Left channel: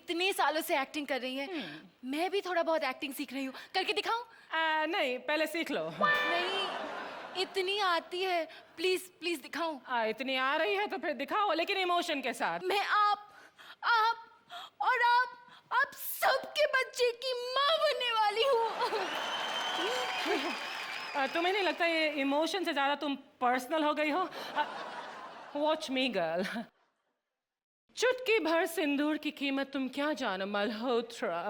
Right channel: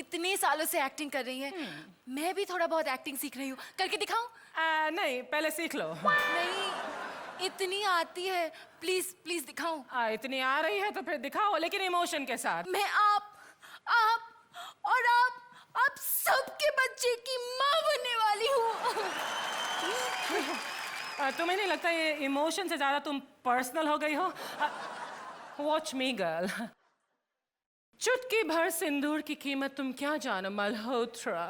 इतने सालों से एक्टिंग कर रही हैं, मैं भी थोड़ा बहुत एक्टिंग सीख रही हूँ। करके दिखाऊं? नहीं, पहले सीख लो। नहीं, इतनी आती है, प्लीज प्लीज दिखाऊं? इतनी आ रही है तो फिर दिखाओ, लेकिन इमोशन के साथ। मैं आप और आप सबके बच्चे की माँ बनने वाली हूँ। तुम्हें नहीं लगता ये इमोशन से ज्यादा तुम पर्सनल हो गई हो? वॉच मी गर्ल, चुटकी भर सिंदूर की कीमत तुम क्या जानो मल्होत्रा।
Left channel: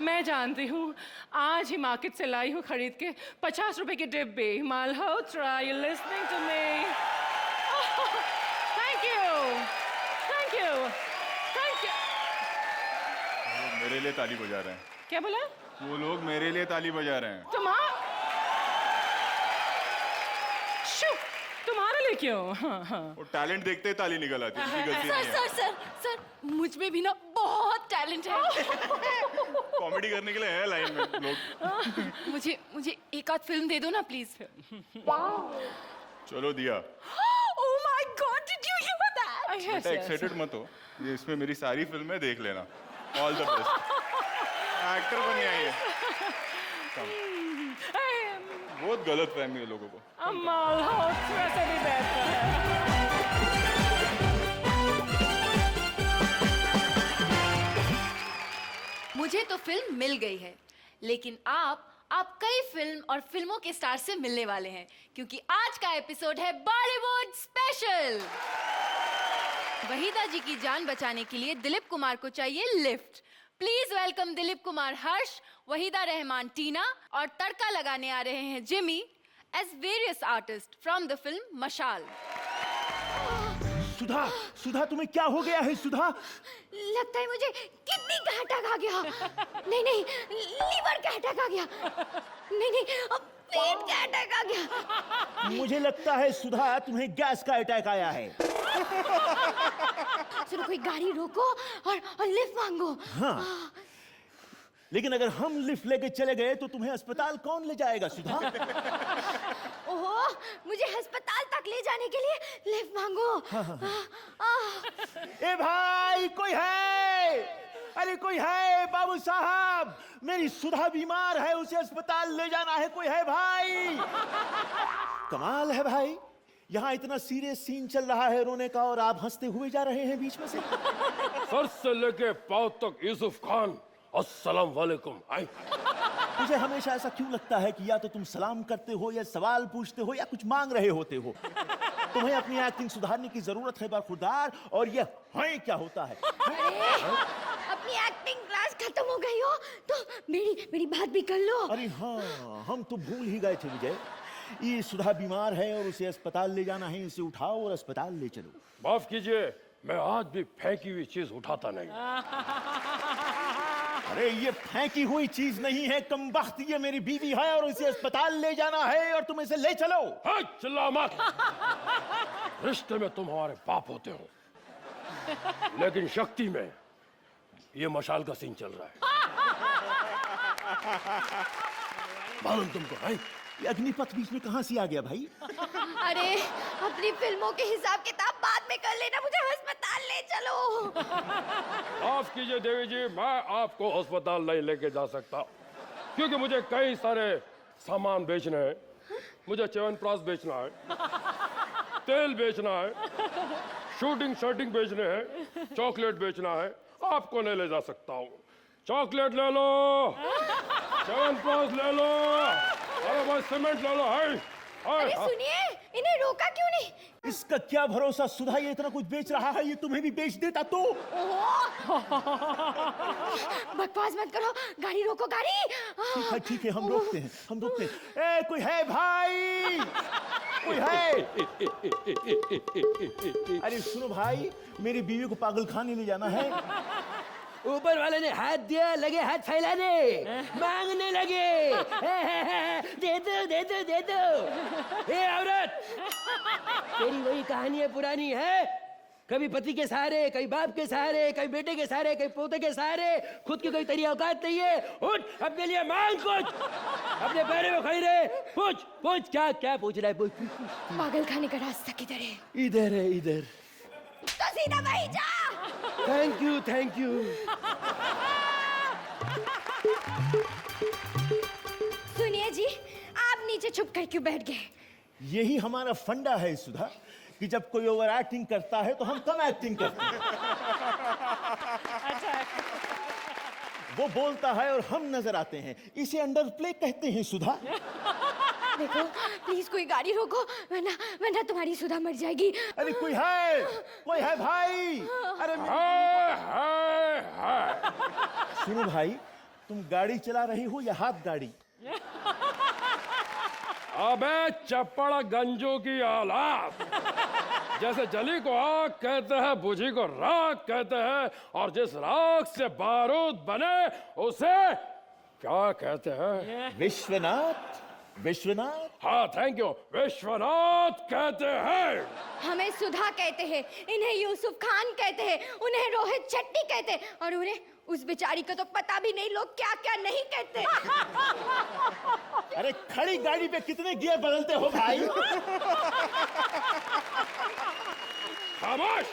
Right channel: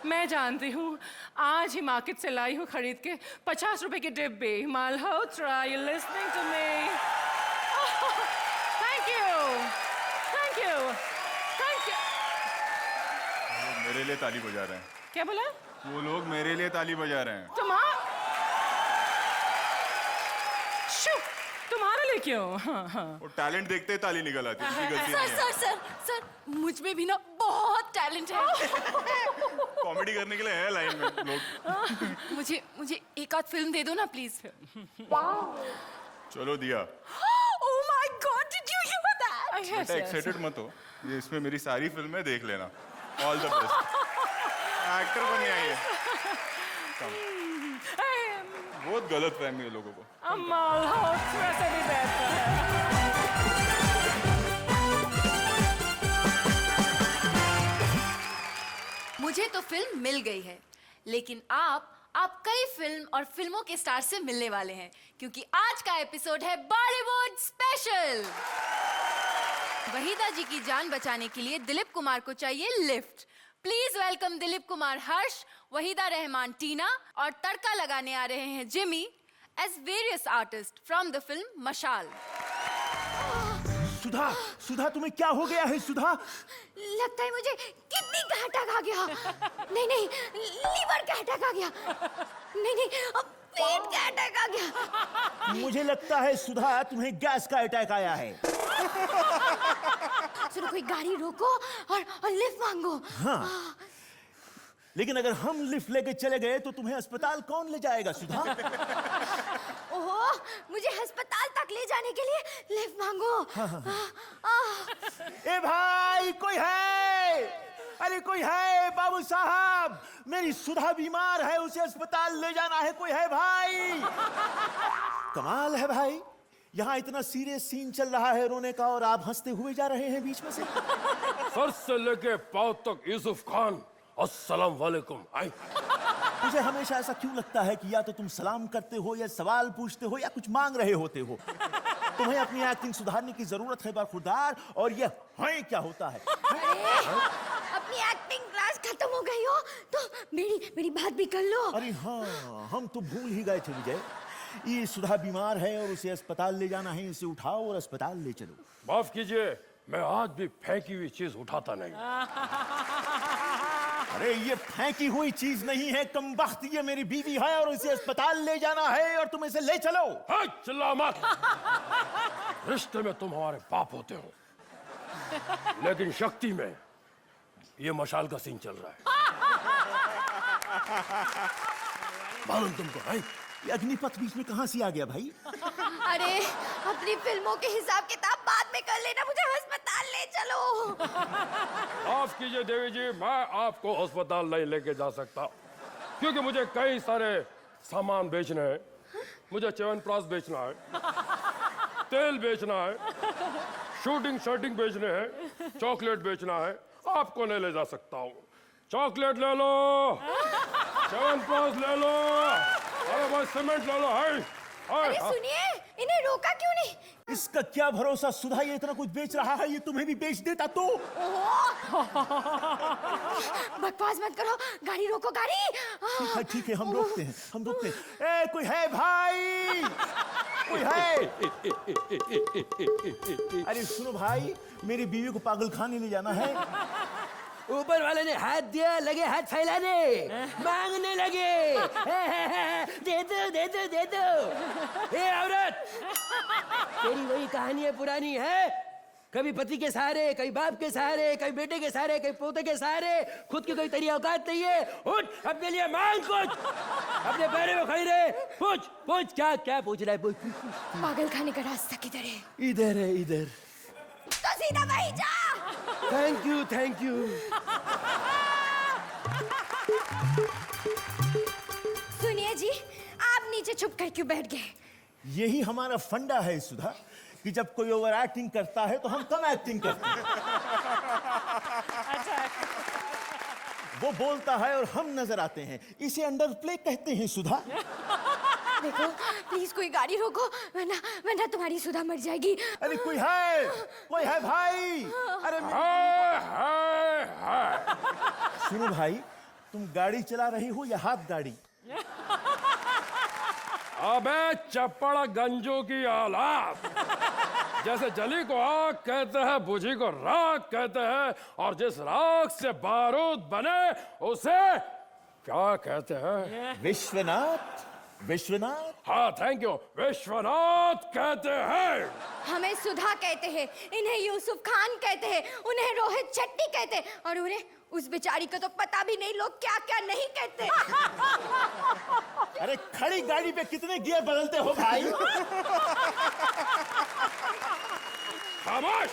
मैं जानती हूँ, आज ही मार्केट से लाई हूँ खरीद के 50 रुपए की डिब्बे। Malhotra, you listening to me? Thank you, thank you, thank you. मेरे लिए ताली बजा रहे हैं। क्या बोला? वो लोग मेरे लिए ताली बजा रहे हैं। तुम्हारे लिए क्यों? वो टैलेंट देखते ही ताली निकल आती है। सर, मुझ में भी ना बहुत टैलेंट है। कॉमेडी करने के लिए है लाइन में लोग। मुझे एक आध फिल्म दे दो ना प्लीज। चलो दिया। Oh my God, did you hear that? Excited मत हो, ये इसमें मेरी सारी फिल्में देख लेना। All the best. एक्टर बन गया ये। बहुत गलत है मेरे लोगों को। मुझे तो फिल्म मिल गई है, लेकिन आप कई फिल्म और फिल्मों के स्टार से मिलने वाले हैं, क्योंकि आज का एपिसोड है बॉलीवुड स्पेशल। वहीदा जी की जान बचाने के लिए दिलीप कुमार को चाहिए lift. Please welcome Dilip Kumar Harsh, Waheeda Rehman Tina और तड़का लगाने आ रहे हैं Jimmy as various artists from the film मशाल। सुधा तुम्हें क्या हो गया है सुधा? लगता है मुझे किडनी का अटैक आ गया। नहीं, लीवर का अटैक आ गया। नहीं, पेट का अटैक आ गया। मुझे लगता है सुधा तुम्हें गैस का अटैक आया है। चलो कोई गाड़ी रोको और लिफ्ट मांगो। हाँ। लेकिन अगर हम लिफ्ट लेके चले गए तो तुम्हें अस्पताल कौन ले जाएगा सुधा? ओह, मुझे अस्पताल तक ले जाने के लिए लिफ्ट मांगो। ए भाई कोई है? अरे कोई है बाबू साहब, मेरी सुधा बीमार है, उसे अस्पताल ले जाना है, कोई है भाई? कमाल है भाई, यहाँ इतना सीरियस सीन चल रहा है रोने का और आप हंसते हुए जा रहे हैं बीच में से। सर से लेके पांव तक यूसुफ खान, अस्सलाम वालेकुम। मुझे हमेशा ऐसा क्यों लगता है कि या तो तुम सलाम करते हो या सवाल पूछते हो या कुछ मांग रहे होते हो। तुम्हें अपनी एक्टिंग सुधारने की जरूरत है बाखुरदार, और ये हाय क्या होता है? अपनी एक्टिंग क्लास खत्म हो गई हो तो मेरी बात भी कर लो। अरे हाँ, हम तो भूल ही गए थे। ये सुधा बीमार है और उसे अस्पताल ले जाना है, इसे उठाओ और अस्पताल ले चलो। माफ कीजिए, मैं आज भी फेंकी हुई चीज उठाता नहीं। अरे ये फेंकी हुई चीज नहीं है कमबख्त, ये मेरी बीवी है और इसे अस्पताल ले जाना है और तुम इसे ले चलो। चिल्ला मत। रिश्ते में तुम हमारे बाप होते हो, लेकिन शक्ति में ये मशाल का सीन चल रहा है। मालूम तुमको भाई, ये अग्निपथ बीच में कहाँ से आ गया भाई? अरे अपनी फिल्मों के हिसाब किताब बाद में कर लेना, मुझे अस्पताल ले चलो। माफ कीजिए देवी जी, मैं आपको अस्पताल नहीं लेके जा सकता, क्योंकि मुझे कई सारे सामान बेचने हैं। मुझे च्यवनप्राश बेचना है, तेल बेचना है, शूटिंग बेचने हैं, चॉकलेट बेचना है। आपको ले जा सकता हूँ। चॉकलेट ले लो, च्यवनप्राश ले लो और सीमेंट ले लो। अरे सुनिए, इन्हें रोका क्यों नहीं? इसका क्या भरोसा, सुधा ये इतना कुछ बेच रहा है, ये तुम्हें भी बेच देता तो। बकवास मत करो, गाड़ी रोको, गाड़ी। तो ठीक है, हम रोकते हैं। ए कोई है भाई? कोई है? अरे सुनो भाई, मेरी बीवी को पागलखाने ले जाना है। ऊपर वाले ने हाथ दिया, लगे हाथ फैलाने, मांगने लगे। दे दो। ए औरत, तेरी वही कहानी है, पुरानी है। कभी पति के सहारे, कभी बाप के सहारे, कभी बेटे के सहारे, कभी पोते के सहारे, खुद की कोई तेरी औकात नहीं है। उठ, अपने लिए मांग कुछ, अपने बड़े भाई ने पूछ क्या पूछ रहा है? पागलखाने का रास्ता किधर है? इधर है, इधर। तो सीधा वहीं जा। Thank you thank you. सुनिए जी, आप नीचे छुप कर क्यों बैठ गए? यही हमारा फंडा है सुधा कि जब कोई ओवर एक्टिंग करता है तो हम कम एक्टिंग करते हैं। वो बोलता है और हम नजर आते हैं, इसे अंडर प्ले कहते हैं सुधा। प्लीज कोई गाड़ी रोको, वरना तुम्हारी सुधा मर जाएगी। अरे कोई है भाई। अरे सुनो भाई, तुम गाड़ी चला रही हो या हाथ गाड़ी? अबे चप्पड़ गंजू की औलाद, जैसे जली को आग कहते हैं, बुझी को राख कहते हैं, और जिस राख से बारूद बने उसे क्या कहते हैं? विश्वनाथ। विश्वनाथ। हाँ थैंक यू, विश्वनाथ कहते हैं। हमें सुधा कहते हैं, इन्हें यूसुफ खान कहते हैं, उन्हें रोहित शेट्टी कहते हैं, और उन्हें उस बेचारी को तो पता भी नहीं लोग क्या क्या नहीं कहते। अरे खड़ी गाड़ी में कितने गियर बदलते हो भाई? खामोश,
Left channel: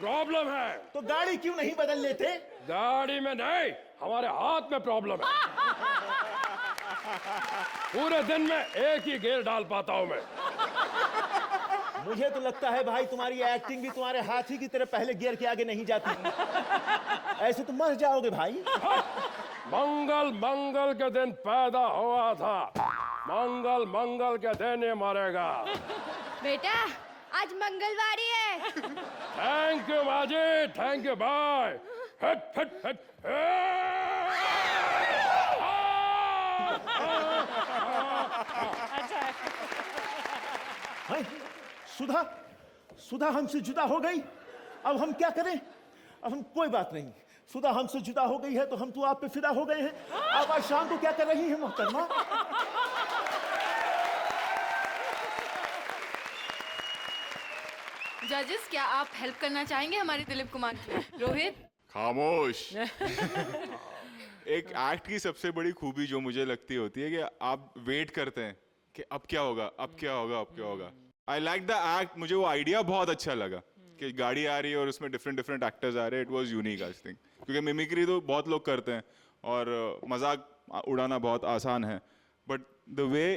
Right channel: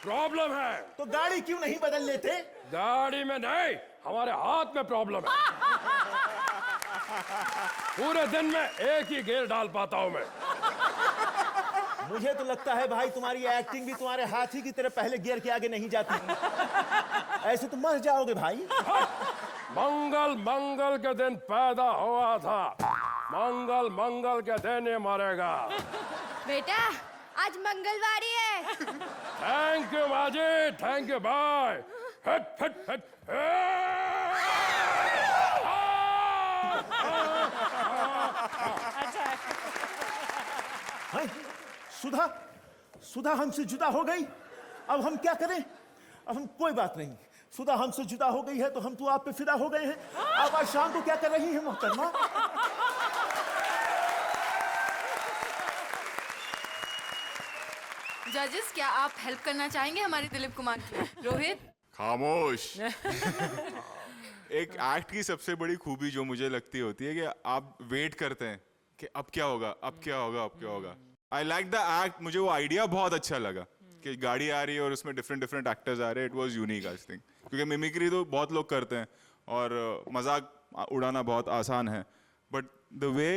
प्रॉब्लम है। तो गाड़ी क्यों नहीं बदल लेते? गाड़ी में नहीं, हमारे हाथ में प्रॉब्लम है। पूरे दिन में एक ही गियर डाल पाता हूँ मैं। मुझे तो लगता है भाई तुम्हारी एक्टिंग भी तुम्हारे हाथी की तरह पहले गियर के आगे नहीं जाती। ऐसे तो मर जाओगे भाई। मंगल के दिन पैदा हुआ था, मंगल के दिन ही मरेगा। बेटा, आज मंगलवारी है। थैंक यू बाजी, थैंक यू बाय। हट हट हट। सुधा सुधा हमसे जुदा हो गई, अब हम क्या करें? अब हम कोई बात नहीं, सुधा हमसे जुदा हो गई है तो हम तो आप पे फिदा हो गए हैं। अब आज शाम को क्या कर रही है मोहतरमा? जजेस, क्या आप हेल्प करना चाहेंगे हमारे दिलीप कुमार को? रोहित? खामोश। एक एक्ट की सबसे बड़ी खूबी जो मुझे लगती होती है कि आप वेट करते हैं कि अब क्या होगा, अब क्या होगा, अब क्या होगा। आई लाइक द एक्ट, मुझे वो आइडिया बहुत अच्छा लगा कि गाड़ी आ रही है और उसमें डिफरेंट एक्टर्स आ रहे हैं। It was unique I think, क्योंकि मिमिक्री तो बहुत लोग करते हैं और मजाक उड़ाना बहुत आसान है, बट द वे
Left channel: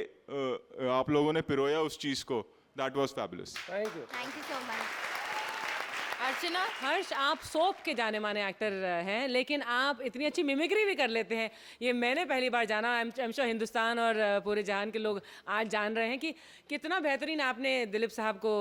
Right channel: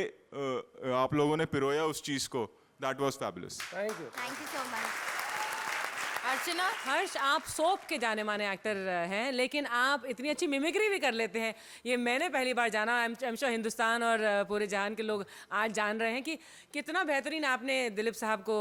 आप लोगों ने पिरोया उस चीज को, that was fabulous. Thank you so much. Archana? Harsh, आप सोप के जाने माने एक्टर हैं, लेकिन आप इतनी अच्छी मिमिक्री भी कर लेते हैं, ये मैंने पहली बार जाना। हिंदुस्तान और पूरे जहान के लोग आज जान रहे हैं कि कितना बेहतरीन आपने दिलीप साहब को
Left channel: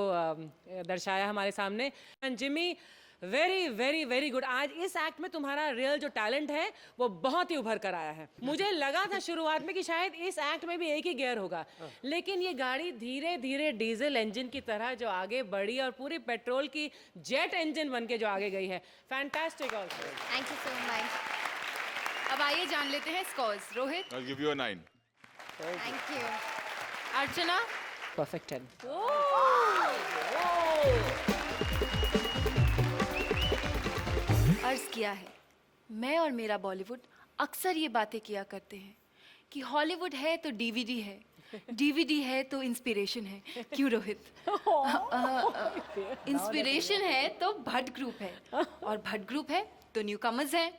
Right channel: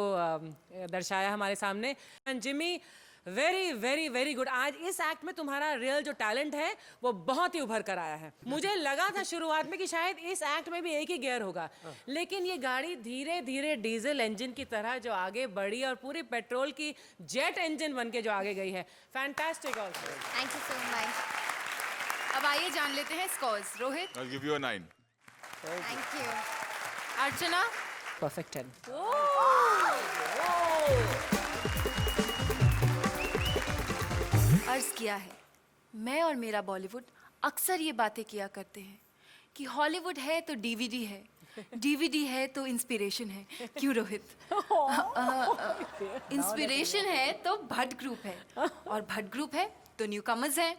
दर्शाया हमारे सामने। Jimmy, very very very good. आज इस एक्ट में तुम्हारा रियल जो टैलेंट है वो बहुत ही उभर कर आया है। मुझे लगा था शुरुआत में कि शायद इस एक्ट में भी एक ही गियर होगा, लेकिन ये गाड़ी धीरे धीरे डीजल इंजन की तरह जो आगे बढ़ी और पूरी पेट्रोल की जेट इंजन बन के जो आगे गई है। Fantastic. Thank you so much. अब आइए जान लेते हैं scores. Rohit? I'll give you a 9. Thank you. Archana? Perfect है। अर्ज किया है, मैं और मेरा बॉलीवुड अक्सर ये बातें किया करते हैं कि हॉलीवुड है तो डीवीडी है, डीवीडी है तो इंस्पिरेशन है। क्यों रोहित? इंस्पिरेशन है तो भट्ट ग्रुप है, और भट्ट ग्रुप है तो न्यूकमर्स हैं।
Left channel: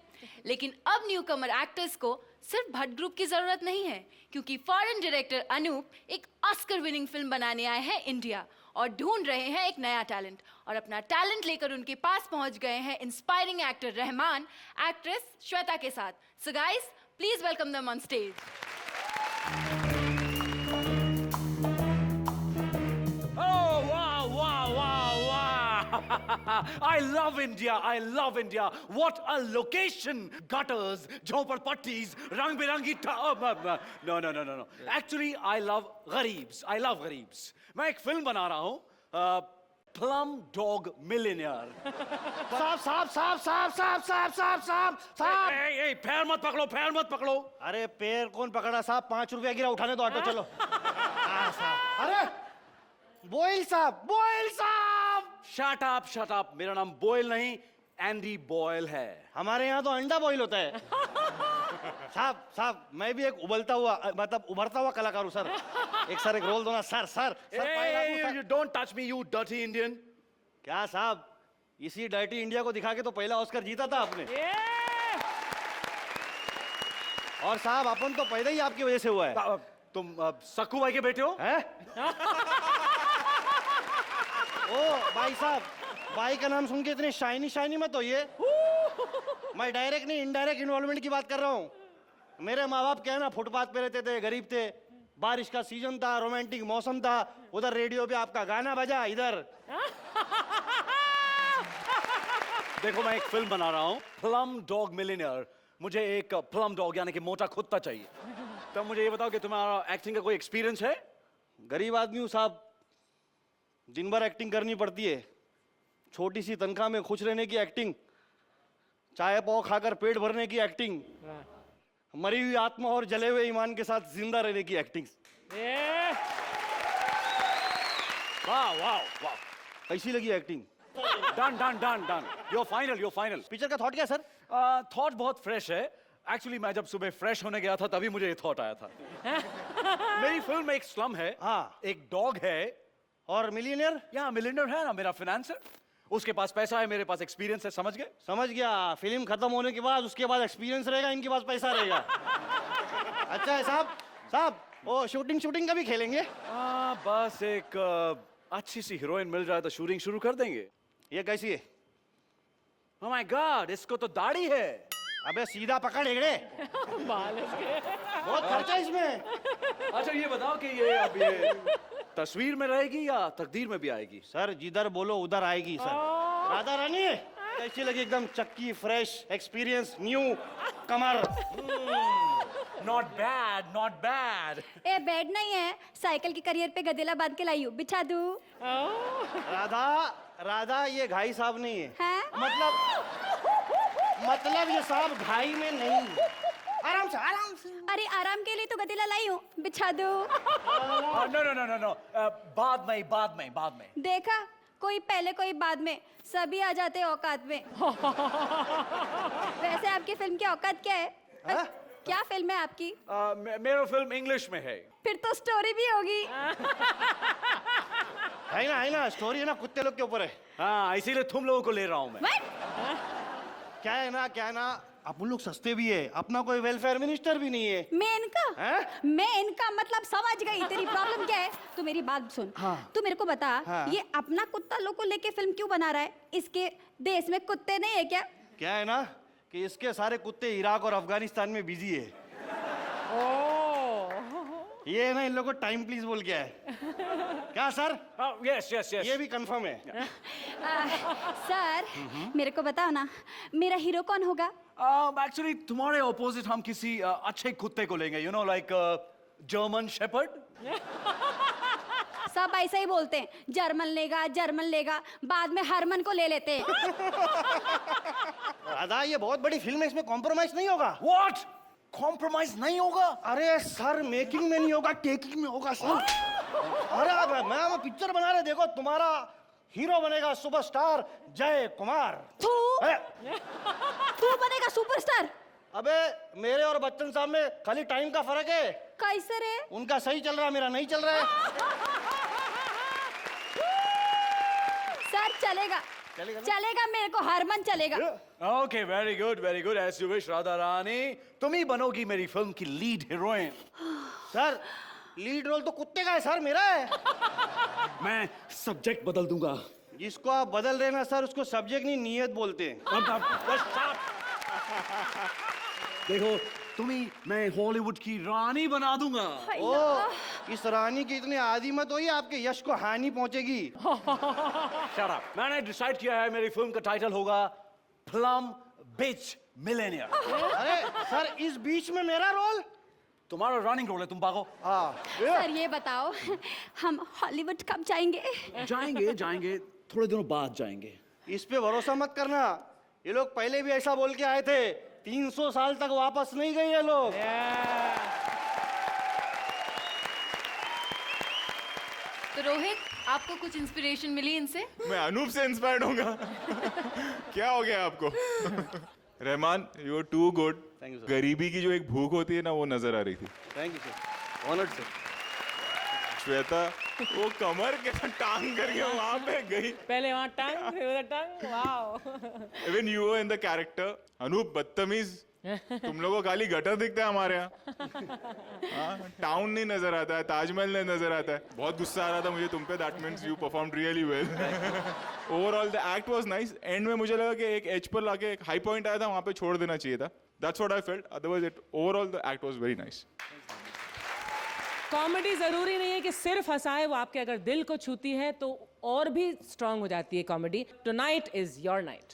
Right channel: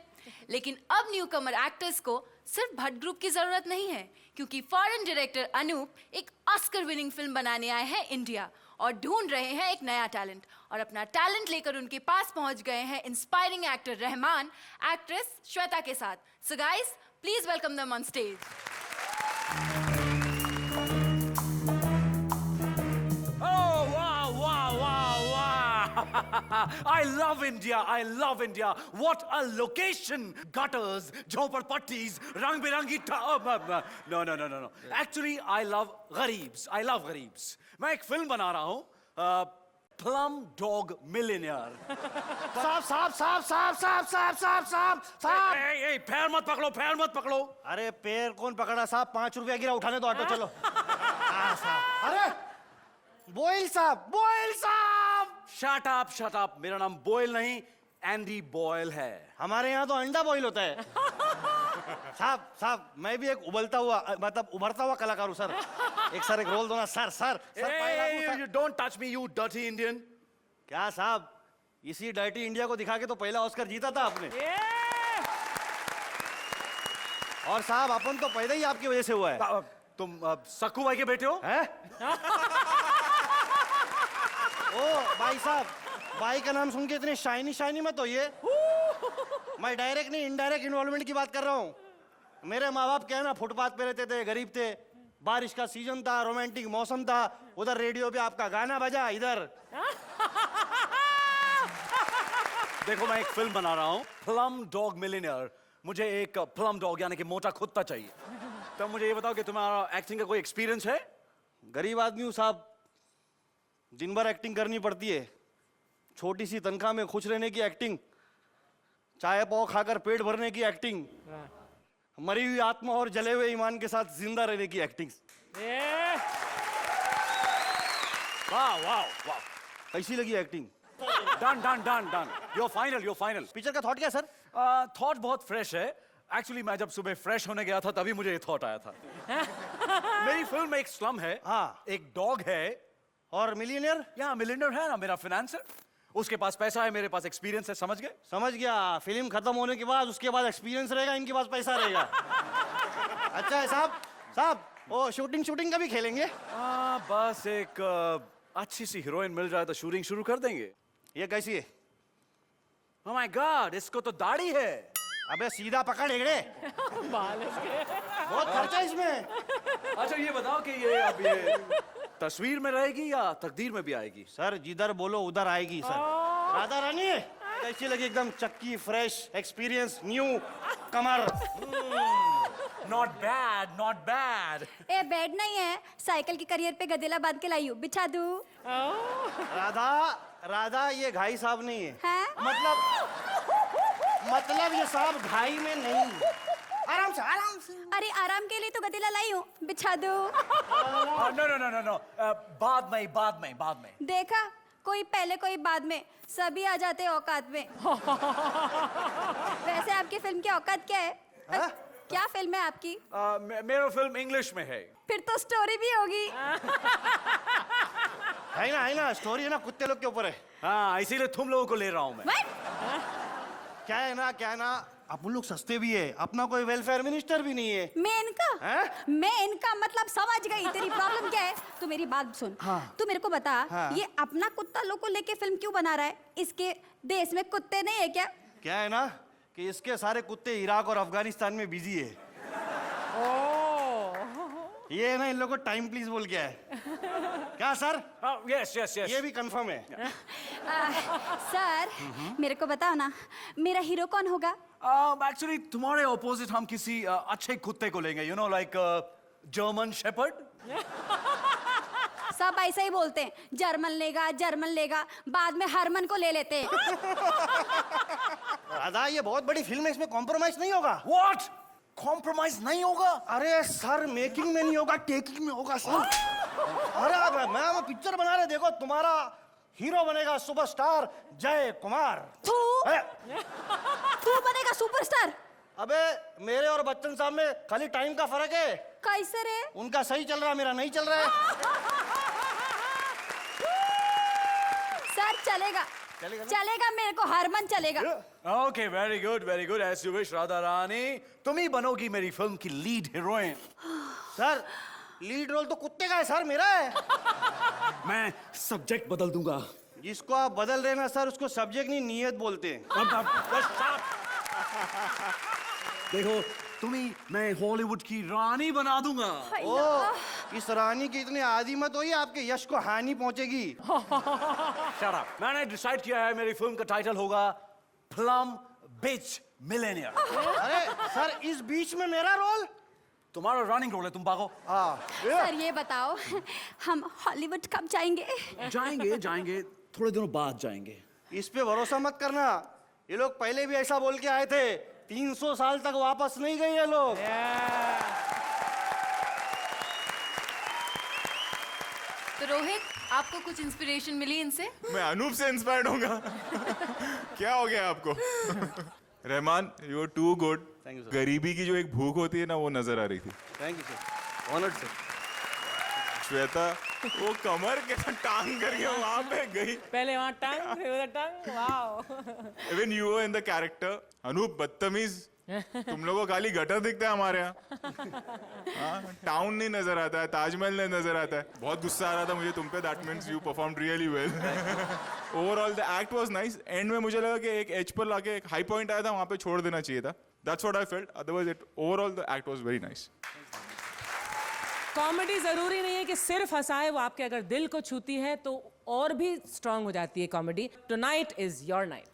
लेकिन अब न्यूकमर एक्टर्स को सिर्फ भट्ट ग्रुप की जरूरत नहीं है, क्योंकि फॉरेन डायरेक्टर अनूप एक ऑस्कर विनिंग फिल्म बनाने आए हैं इंडिया और ढूंढ रहे हैं एक नया टैलेंट, और अपना टैलेंट लेकर उनके पास पहुंच गए हैं inspiring actor Rahman actress Shweta के साथ। So guys, please welcome them on stage. I love India. I love India. What a location! Gutters, jhoppadpattis, rang-birangi No. Actually, I love Ghareebs. I love Ghareebs. मैं एक film बना रहा हूँ, Plum Dog Millionaire. साहब, ए, पैर मत पकड़ो. अरे पैर कौन पकड़ा साहब? 5 रुपए के उठाने दो, ऑटो चलो। अरे बोइल साहब। Shut up. मेरा नाम बोयल नहीं, एंडी बॉयल है. हमारे यहाँ तो अंडा बॉईल होता है। साहब, मैं भी एक उबलता हुआ मतलब उभरता हुआ कलाकार हूँ सर। एक साथ बोल दूंगा sir. Hey, don't touch me, you dirty Indian. क्या साहब, इसी डायटी इंडिया को दिखा के तो पहला ऑस्कर जीता था आपने। और साहब अपन तो पहले ही आपकी वजह से हुआ है। तुम सकू भाई के बेटे हो? हैं? ओ भाई साहब, भाई का नाम सुन के इतने शाइनी शाइनी मत होइए। मैं डायरेक्ट नहीं इनडायरेक्ट इन्वॉल्वमेंट की बात कर रहा हूँ। मेरे माँ बाप क्या है ना, फुटपाथ पे रहते थे, गरीब थे, बारिश का सीजन था, रोमांटिक मौसम था, उधर रेडियो पे आपका गाना बजा, इधर देखो मैं एक फिल्म बना रहा हूँ, प्लम डॉग मिलियनेयर। मुझे एक प्लम डॉग यानी कि मोटा कुत्ता चाहिए। तो मुझे ये बताओ कि तुम्हारा एक्टिंग का कोई एक्सपीरियंस है? गरीब आदमी हूँ साहब, दिन भर एक्टिंग करनी पड़ती है। छोटी सी तनख्वाह में खुश रहने की एक्टिंग, चाय पाव खाकर पेट भरने की एक्टिंग, मरी हुई आत्मा और जले हुए ईमान के साथ जिंदा रहने की एक्टिंग। वाह वाह वाह, कैसी लगी acting? Done done done done, you're final, you're final। Picture का थॉट क्या है सर? थॉट बहुत फ्रेश है। एक्चुअली मैं जब सुबह फ्रेश होने गया था तभी मुझे थॉट आया था। मेरी फिल्म में एक स्लम है, हाँ। एक डॉग है, और मिलीनियर? या मिलियनर है मेरा फाइनेंसर। उसके पास पैसा है, मेरे पास एक्सपीरियंस है, समझ गए? समझ गया। फिल्म खत्म होने के बाद उसके बाद एक्सपीरियंस रहेगा, इनके पास पैसा रहेगा। अच्छा है साहब। साहब वो शूटिंग का भी खेलेंगे? बस एक अच्छी सी हीरोइन मिल जाए तो शूटिंग शुरू कर देंगे। ये कैसी है? Oh my God, इसको तो दाढ़ी है। अबे सीधा पकड़ रे। बहुत खर्चा है इसमें। अच्छा ये बताओ कि ये तस्वीर में रहेगी या तकदीर में भी आएगी? सर जिधर बोलो उधर आएगी सर। राधा रानी कैसी लगी? एकदम चक्की, fresh, experience, new, Qamar. Not bad, not bad। A bed नहीं है, साइकिल की करियर पे गदेला बांध के लाई हूँ, बिछा दूँ? राधा ये घाई साहब नहीं है। हैं? मतलब ये साहब घाई में नहीं। आराम से आराम से। अरे आराम के लिए तो गदेला लाई हूँ, बिछा दूँ? No, बाद में। देखा, कोई पहले कोई बाद में, सभी आ जाते हैं औकात में। वैसे आपकी फिल्म की औकात क्या है? क्या फिल्म है आपकी? मेरा फिल्म इंग्लिश में है। फिर तो स्टोरी भी होगी। है ना स्टोरी ना कुत्ते लोग के ऊपर है। हाँ, इसीलिए तुम लोगों को ले रहा हूँ मैं। What? क्या है ना आप लोग सस्ते भी है, अपना कोई वेलफेयर मिनिस्टर भी नहीं है। मैं इनका मतलब समझ गई। तेरी प्रॉब्लम क्या है? तू मेरी बात सुन। तू मेरे को बता, ये अपना कुत्ता लोग को लेके फिल्म क्यों बना रहा है? इसके देश में कुत्ते नहीं है क्या? क्या है ना कि इसके सारे कुत्ते इराक और अफगानिस्तान में बिजी है। ये ना इन लोगों को टाइम प्लीज बोल गया है। क्या सर? Yes। ये भी कंफर्म है। सर मेरे को बताओ ना, मेरा हीरो कौन होगा? Actually तुम्हारे ऑपोजिट हम किसी अच्छे कुत्ते को लेंगे, you know like German shepherd. सब ऐसे ही बोलते हैं, जर्मन लेगा, बाद में हरमन को ले लेते हैं। दादा ये बहुत बड़ी फिल्म है, इसमें कॉम्प्रोमाइज नहीं होगा। What? कॉम्प्रोमाइज नहीं होगा? अरे सर मेकिंग में नहीं होगा, टेकिंग में होगा सर। अरे मैं पिक्चर बना रहा, देखो तुम्हारा हीरो बनेगा सुपरस्टार जय कुमार। तू बनेगा सुपरस्टार? अबे मेरे और बच्चन साहब में खाली टाइम का फर्क है। कैसे रे? उनका सही चल रहा, मेरा नहीं चल रहा है। सर चलेगा, मेरे को हरमन चलेगा। Okay, very good, as you wish, Radha Rani. तुम ही बनोगी मेरी फिल्म की lead heroine. Sir lead role तो कुत्ते का है सर, मेरा है। मैं सब्जेक्ट बदल दूंगा। जिसको आप बदल रहे हैं सर, उसको सब्जेक्ट नहीं नियत बोलते हैं। देखो तुम्ही मैं हॉलीवुड की रानी बना दूंगा। ओ इस रानी की इतने आदी मत होइए, आपके यश को हानि पहुंचेगी। मैंने डिसाइड किया है, मेरी फिल्म का टाइटल होगा प्लम बिच मिलेनियर। अरे सर इस बीच में मेरा रोल? तुम्हारा रानी रोल है, तुम बाहो। हाँ सर ये बताओ, हम हॉलीवुड कब जाएंगे? जाएंगे थोड़े दिनों बाद जाएंगे। इस पे भरोसा मत करना, ये लोग पहले भी ऐसा बोल के आए थे। 300 साल तक वापस नहीं गए ये लोग। तो रोहित, आपको कुछ इंस्पिरेशन मिली इनसे? मैं अनूप से इंस्पायर्ड होगा। क्या हो गया आपको? Rahman you are too good. गरीबी की जो एक भूख होती है ना, वो नजर आ रही थी। Thank you sir, honoured sir. Shweta वो कमर कैसे टांग गई है वहां पे गई। पहले वहाँ टांग, फिर टांग, वाह। when you were in the character, Anoop बदतमीज, तुम लोगों को खाली गटर दिखता है हमारे यहाँ, टाउन नहीं नजर आता है, ताजमहल नहीं नजर आता है. बहुत गुस्सा आ रहा था मुझे तुम पे. That means you performed really well. Overall the act was nice. End में मुझे लगा कि एक एज पर लाके एक हाई पॉइंट आया था, वहाँ पे छोड़ देना चाहिए था. That's what I felt. Otherwise, overall the act was very nice. Comedy जरूरी नहीं है कि सिर्फ हंसाए, वो आपके अगर दिल को छूती है तो और भी स्ट्रांग हो जाती है comedy. Tonight is your night.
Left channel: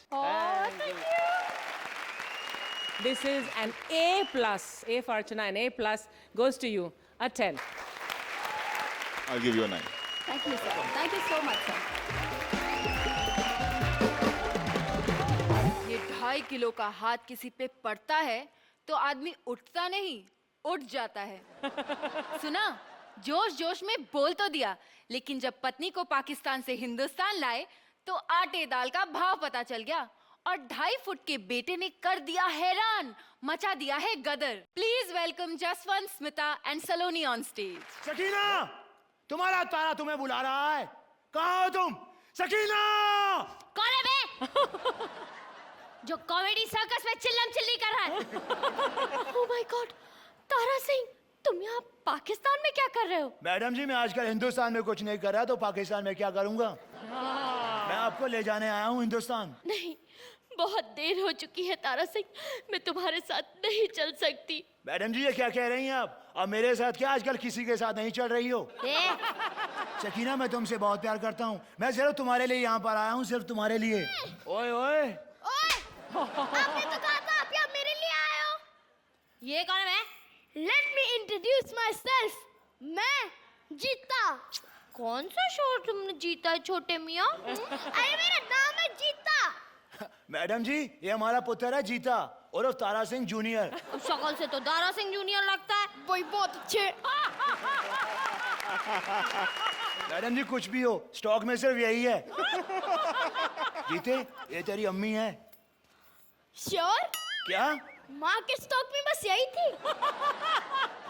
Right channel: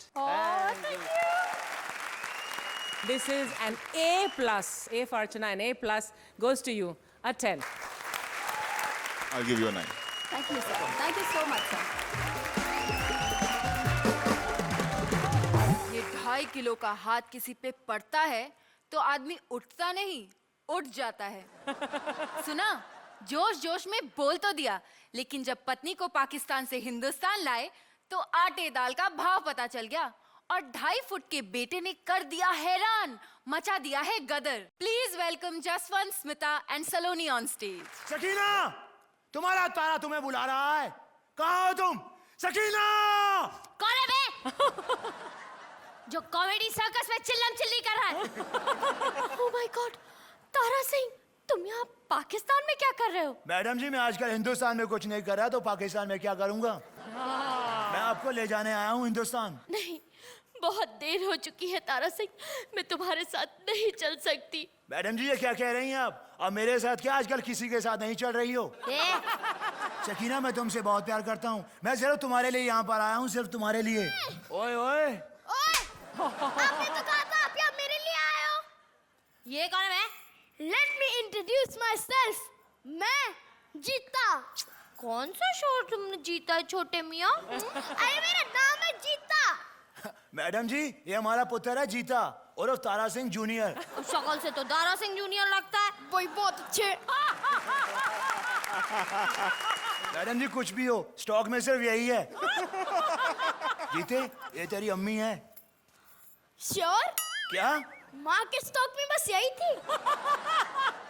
This is an A+. A for Archana, an A+ goes to you. A 10. I'll give you a 9. Thank you, sir. Thank you so much, sir. ये 2.5 kilo का हाथ किसी पे पड़ता है तो आदमी उठता नहीं, उठ जाता है. सुना, जोश जोश में बोल तो दिया, लेकिन जब पत्नी को पाकिस्तान से हिंदुस्तान लाए तो आटे दाल का भाव पता चल गया और 2.5 फुट के बेटे ने कर दिया हैरान, मचा दिया है गदर. Please welcome Jaswant, Smita and Saloni on stage. Sakina, तुम्हारा ताया तुम्हें बुला रहा है. कहाँ हो तुम? सकीना! कौन है बे? जो कॉमेडी सर्कस में चिल्लम चिल्ली कर रहा है. Oh my God, Tara Singh, तुम यहाँ पाकिस्तान में क्या कर रहे हो? मैडम जी, मैं आजकल हिंदुस्तान में कुछ नहीं कर रहा तो पाकिस्तान में क्या करूँगा? मैं आपको ले जाने आया हूँ हिंदुस्तान. नहीं, बहुत देर हो चुकी है तारा सिंह, मैं तुम्हारे साथ नहीं चल सकती. मैडम जी, ये क्या कह रही हैं आप? और मेरे साथ क्या आजकल किसी के साथ नहीं चल रही हो? सकीना, मैं तुमसे बहुत प्यार करता हूँ. मैं सिर्फ तुम्हारे लिए यहाँ पर आया हूँ, सिर्फ तुम्हारे लिए. ओए ओए, आपने तो कहा था आप यहाँ मेरे लिए आए हो. ये कौन है? Let me introduce myself. मैं जीता. कौन सा शोर तुमने जीता है छोटे मियाँ? अरे मेरा नाम है जीता. मैडम जी, ये हमारा पुत्र है जीता और तारा सिंह जूनियर. शक्ल से तो तारा सिंह जूनियर लगता है. वही बहुत अच्छे. मैडम जी, कुछ भी हो, स्टॉक में सिर्फ यही है. जीते, ये तेरी अम्मी है. श्योर? क्या? माँ के स्टॉक में बस यही थी.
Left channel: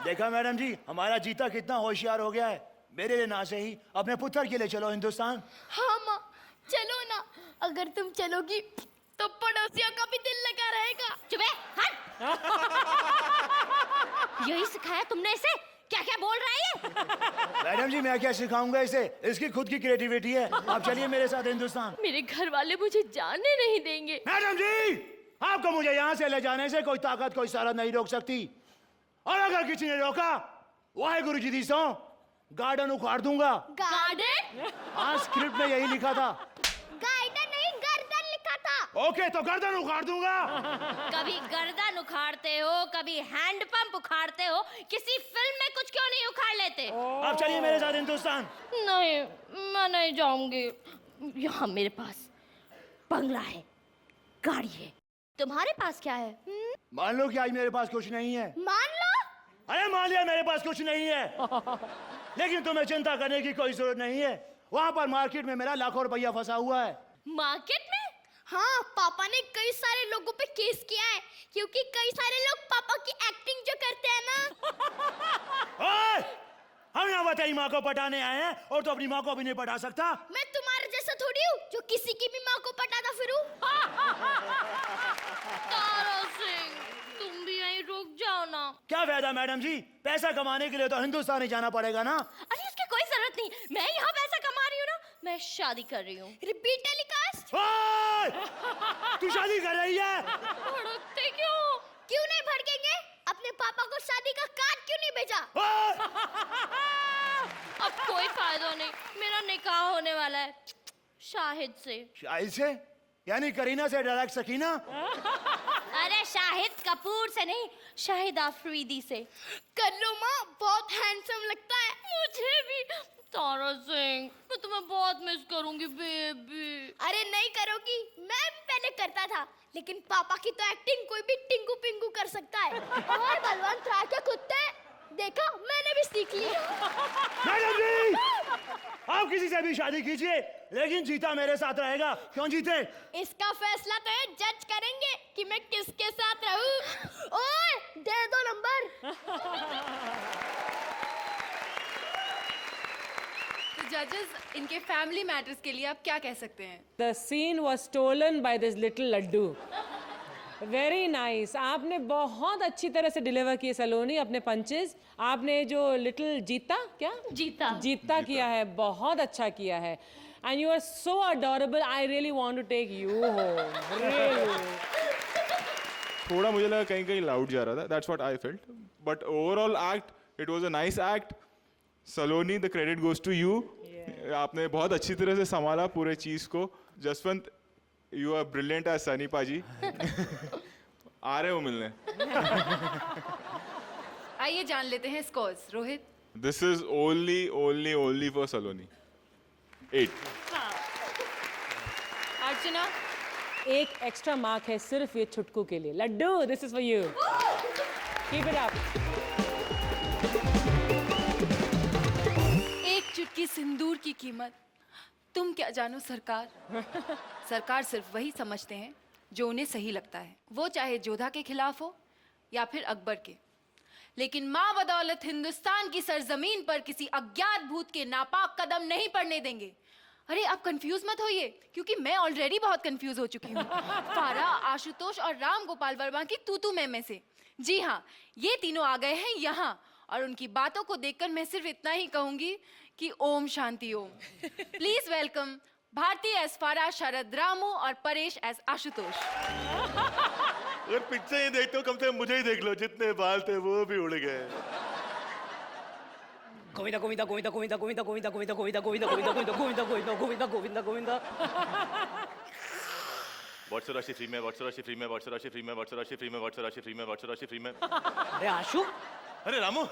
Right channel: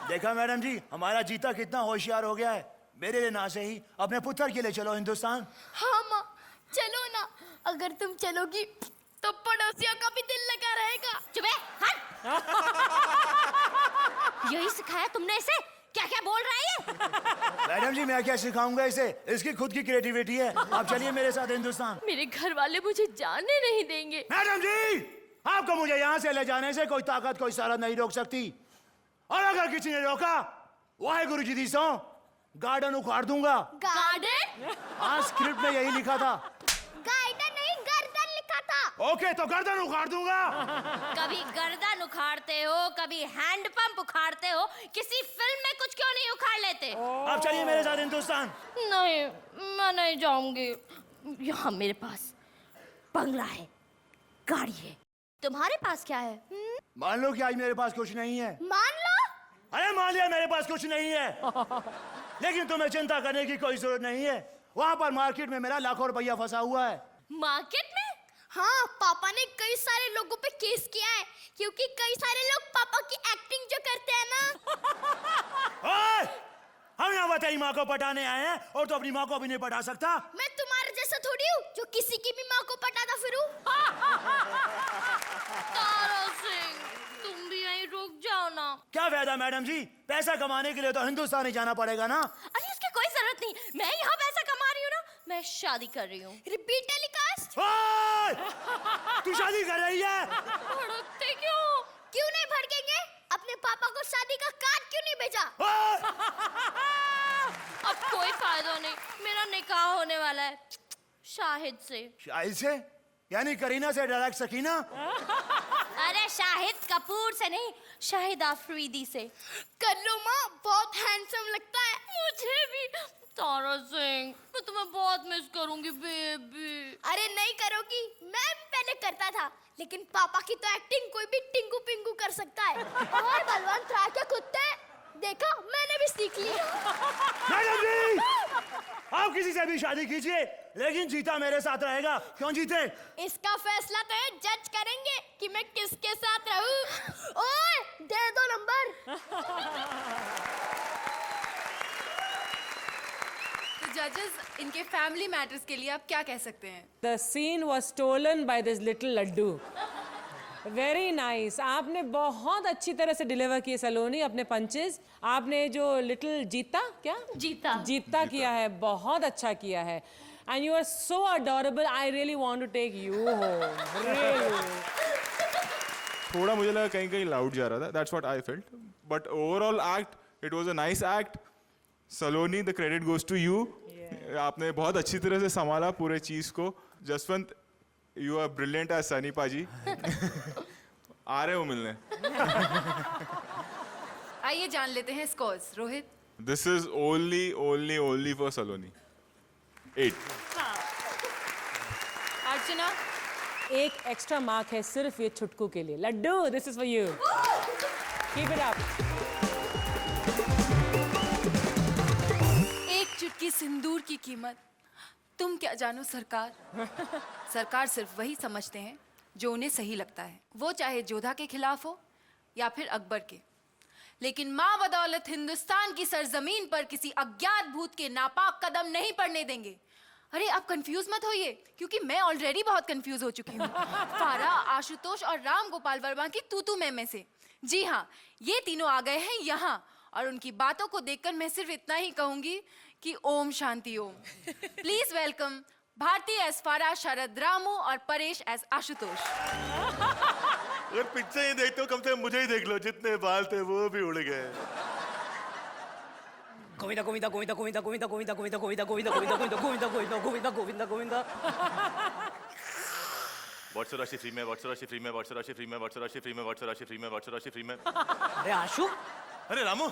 देखा मैडम जी, हमारा जीता कितना होशियार हो गया है. मेरे ना से ही अपने पुत्र के लिए चलो हिंदुस्तान. हाँ माँ, चलो ना. अगर तुम चलोगी तो पड़ोसियों का भी दिल लगा रहेगा. चुप है, हट. यही सिखाया तुमने इसे? क्या क्या बोल रही है? मैडम जी, मैं क्या सिखाऊंगा इसे? इसकी खुद की क्रिएटिविटी है. आप चलिए मेरे साथ हिंदुस्तान. मेरे घर वाले मुझे जाने नहीं देंगे. मैडम जी, आपको मुझे यहाँ से ले जाने से कोई ताकत, कोई सारा नहीं रोक सकती. और अगर किसी ने रोका, वाहेगुरु जी दी सौ, गार्डन उखाड़ दूंगा. गार्डन? आज स्क्रिप्ट में यही लिखा था. गार्डन नहीं, गर्दन लिखा था. ओके, तो गर्दन उखाड़ दूंगा. कभी गर्दन उखाड़ते हो, कभी हैंडपंप उखाड़ते हो, किसी फिल्म में कुछ क्यों नहीं उखाड़ लेते? आप चलिए मेरे साथ हिंदुस्तान. नहीं, मैं नहीं जाऊंगी. यहाँ मेरे पास बंगला है, गाड़ी है. तुम्हारे पास क्या है? मान लो कि आज मेरे पास कुछ नहीं है. मान लो. अरे मान लिया मेरे पास कुछ नहीं है. लेकिन तुम्हें चिंता करने की कोई जरूरत नहीं है. वहाँ पर मार्केट में मेरा लाखों रुपया फंसा हुआ है. मार्केट में? हाँ, पापा ने कई सारे लोगों पे केस किया है, क्योंकि कई सारे लोग पापा की एक्टिंग जो करते हैं ना. ओए! हम यहाँ पर तेरी माँ को पटाने आए हैं और तो अपनी माँ को भी नहीं पटा सकता. मैं तुम्हारे जैसा थोड़ी हूँ जो किसी की भी माँ को पटाना फिरूं. तारा सिंह, तुम भी यहीं रुक जाओ ना. क्या फायदा मैडम जी? पैसा कमाने के लिए तो हिंदुस्तान ही जाना पड़ेगा ना. अरे इसकी कोई जरूरत नहीं. मैं यहाँ पैसा कमा रही हूँ ना. मैं शादी कर रही हूँ. Repeat telecast. ओए! तू शादी कर रही है? भड़कते क्यों? क्यों नहीं भड़केंगे? अपने पापा को शादी का कार्ड क्यों नहीं भेजा? अब कोई फायदा नहीं. मेरा निकाह होने वाला है शाहिद से. शाहिद से? यानी करीना से डायरेक्ट सकीना? अरे शाहिद कपूर से नहीं, शाहिद आफरीदी से. कर लो माँ, बहुत हैंडसम लगता है. मुझे भी. तारा सिंह, मैं तुम्हें बहुत मिस करूंगी बेबी. अरे नहीं करोगी, मैं पहले करता था, लेकिन पापा की तो एक्टिंग कोई भी टिंगू पिंगू कर सकता है. और बलवान था के कुत्ते, देखा मैंने भी सीखी है. मैडम जी! आप किसी से भी शादी कीजिए, लेकिन जीता मेरे साथ रहेगा. क्यों जीते? इसका फैसला तो ये जज करेंगे कि मैं किसके साथ रहूं. ओए, दे दो नंबर. जजेस, इनके फैमिली फैमिली मैटर्स के लिए आप क्या कह सकते हैं? The scene was stolen by this little laddu. Very nice. आपने बहुत अच्छी तरह से डिलीवर की सलोनी अपने पंचेस. आपने जो लिटिल जीता क्या? जीता किया है, बहुत अच्छा किया है. And you are so adorable. I really want to take you home. Really. थोड़ा मुझे लगा कहीं कहीं लाउड जा रहा था. That's what I felt. But overall act, it was a nice act. Saloni, the credit goes to you. आपने बहुत अच्छी तरह से संभाला पूरे चीज को. Jaswant, you are brilliant as Sunny पाजी. आ रहे हो मिलने. आइए जान लेते हैं scores. Rohit. This is only for Saloni. 8. अर्चना. एक एक्स्ट्रा मार्क है सिर्फ ये छुटकू के लिए. Laddu, this is for you. Keep it up. एक चुटकी सिंदूर की कीमत तुम क्या जानो सरकार. सरकार सिर्फ वही समझते हैं जो उन्हें सही लगता है, वो चाहे जोधा के खिलाफ हो या फिर अकबर के. लेकिन माँ बदौलत हिंदुस्तान की सरजमीन पर किसी अज्ञात भूत के नापाक कदम नहीं पड़ने देंगे. अरे आप कंफ्यूज मत होइए, क्योंकि मैं ऑलरेडी बहुत कंफ्यूज हो चुकी हूँ. फारा, आशुतोष और राम गोपाल वर्मा की तू में से. जी हाँ, ये तीनों आ गए हैं यहाँ, और उनकी बातों को देखकर मैं सिर्फ इतना ही कहूंगी कि Om Shanti Om. Please welcome Bharti S फारा, शरद रामू और परेश एस आशुतोष. पीछे ही देख तो कम से मुझे ही देख लो, जितने बाल थे वो भी उड़ गए. अरे आशु, अरे रामू,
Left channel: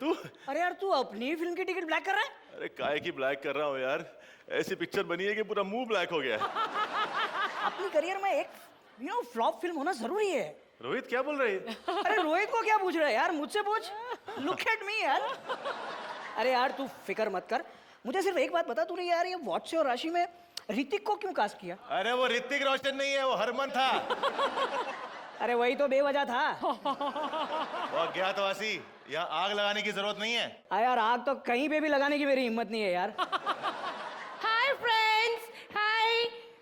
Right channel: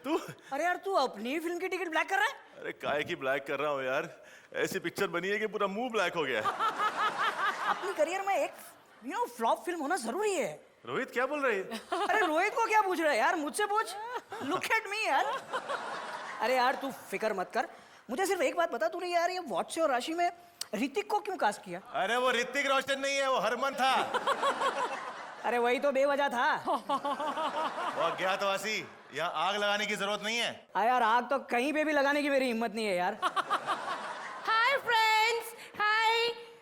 तू? अरे यार तू अपनी फिल्म की टिकट ब्लैक कर रहा है? अरे काहे की ब्लैक कर रहा हूँ यार. ऐसी पिक्चर बनी है कि पूरा मुंह ब्लैक हो गया. अपनी करियर में एक फ्लॉप फिल्म होना जरूरी है. रोहित क्या बोल रही है? अरे रोहित को क्या पूछ रहा है यार, मुझसे पूछ. लुक एट मी यार. अरे यार तू फिक्र मत कर, मुझे सिर्फ एक बात बता, तूने यार ये वॉच और राशि में ऋतिक को क्यों कास्ट किया? अरे वो ऋतिक रोशन नहीं है, वो हरमन था. अरे वही तो बेवजह था. और क्या तो आसी, यहाँ आग लगाने की जरूरत नहीं है. अरे यार आग तो कहीं पे भी लगाने की मेरी हिम्मत नहीं है यार. हाय फ्रेंड्स, हाय,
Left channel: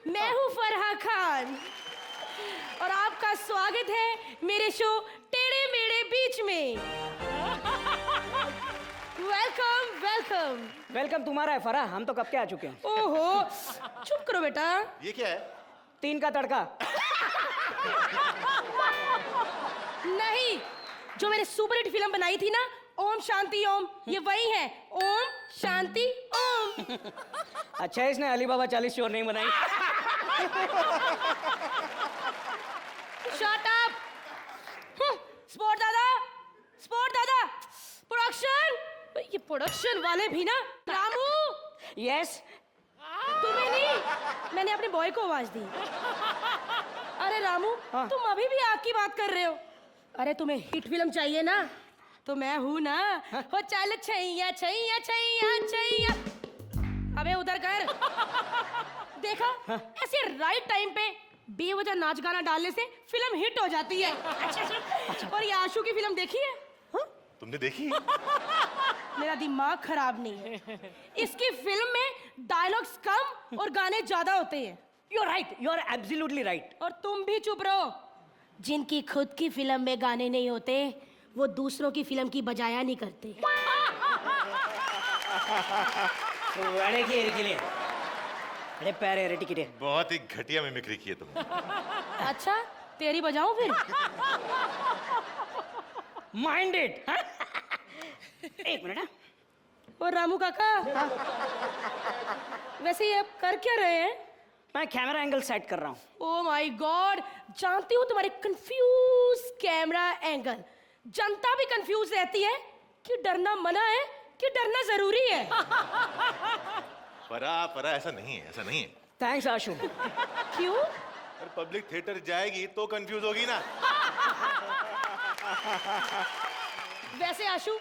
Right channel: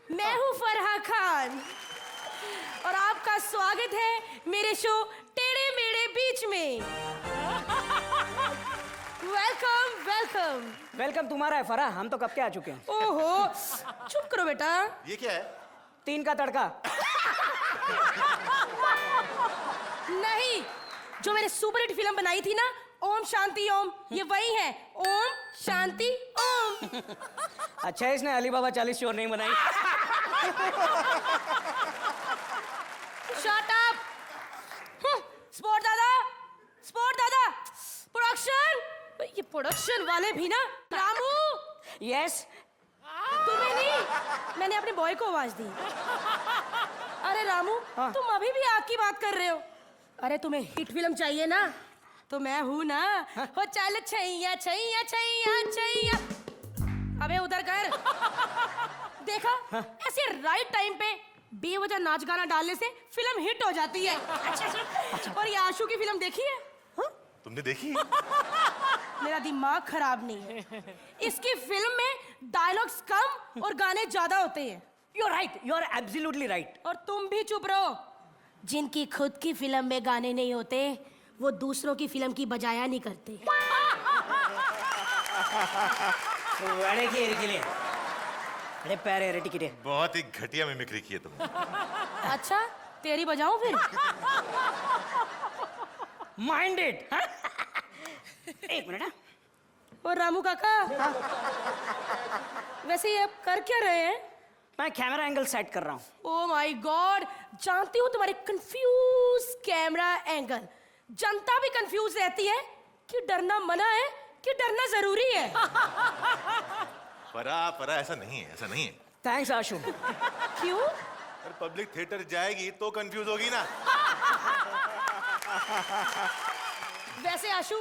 मैं हूँ फरहा खान और आपका स्वागत है मेरे शो टेढ़े मेढ़े बीच में. Welcome welcome. वेलकम तुम्हारा है फरहा, हम तो कब के आ चुके हैं. ओहो, चुप करो बेटा. ये क्या है? 3 का तड़का. नहीं, जो मैंने सुपर हिट फिल्म बनाई थी ना, ओम शांति ओम, ये वही है. ओम शांति ओम. अच्छा इसने अलीबाबा 40 चोर नहीं बनाई. Shut up! स्पोर्ट दादा, प्रोडक्शन. ये प्रोडक्शन वाले भी ना. रामू. यस. तूने नहीं, मैंने अपने बॉय को आवाज दी. अरे रामू, तुम अभी भी आपकी बात कर रहे हो. अरे तुम्हें हिट फिल्म चाहिए ना, तो मैं हूँ ना. वो चल छैया छैया छैया छैया. अबे उधर कर. देखा, ऐसे राइट टाइम पे बेवजह नाच गाना डालने से फिल्म हिट हो जाती है. और ये आंसू की फिल्म देखी है? तुमने देखी? मेरा दिमाग खराब नहीं है. इसकी फिल्म में डायलॉग्स कम और गाने ज्यादा होते हैं. You are right, you are absolutely right. और तुम भी चुप रहो. जिनकी खुद की फिल्म में गाने नहीं होते, वो दूसरों की फिल्म की बजाया नहीं करते. अरे पैरे रेडी के. बहुत ही घटिया मिमिक्री की है तुम. अच्छा, तेरी बजाओ फिर. माइंडेड. और रामू काका, वैसे ये आप कर क्या रहे हैं? मैं कैमरा एंगल सेट कर रहा हूँ. ओह माय गॉड, जानती हूँ तुम्हारे कंफ्यूज कैमरा एंगल. जनता भी कंफ्यूज रहती है कि डरना मना है कि डरना जरूरी है. पर ऐसा नहीं है, ऐसा नहीं है. थैंक्स आशु. क्यों? पब्लिक थिएटर जाएगी तो कंफ्यूज होगी ना. वैसे आशु,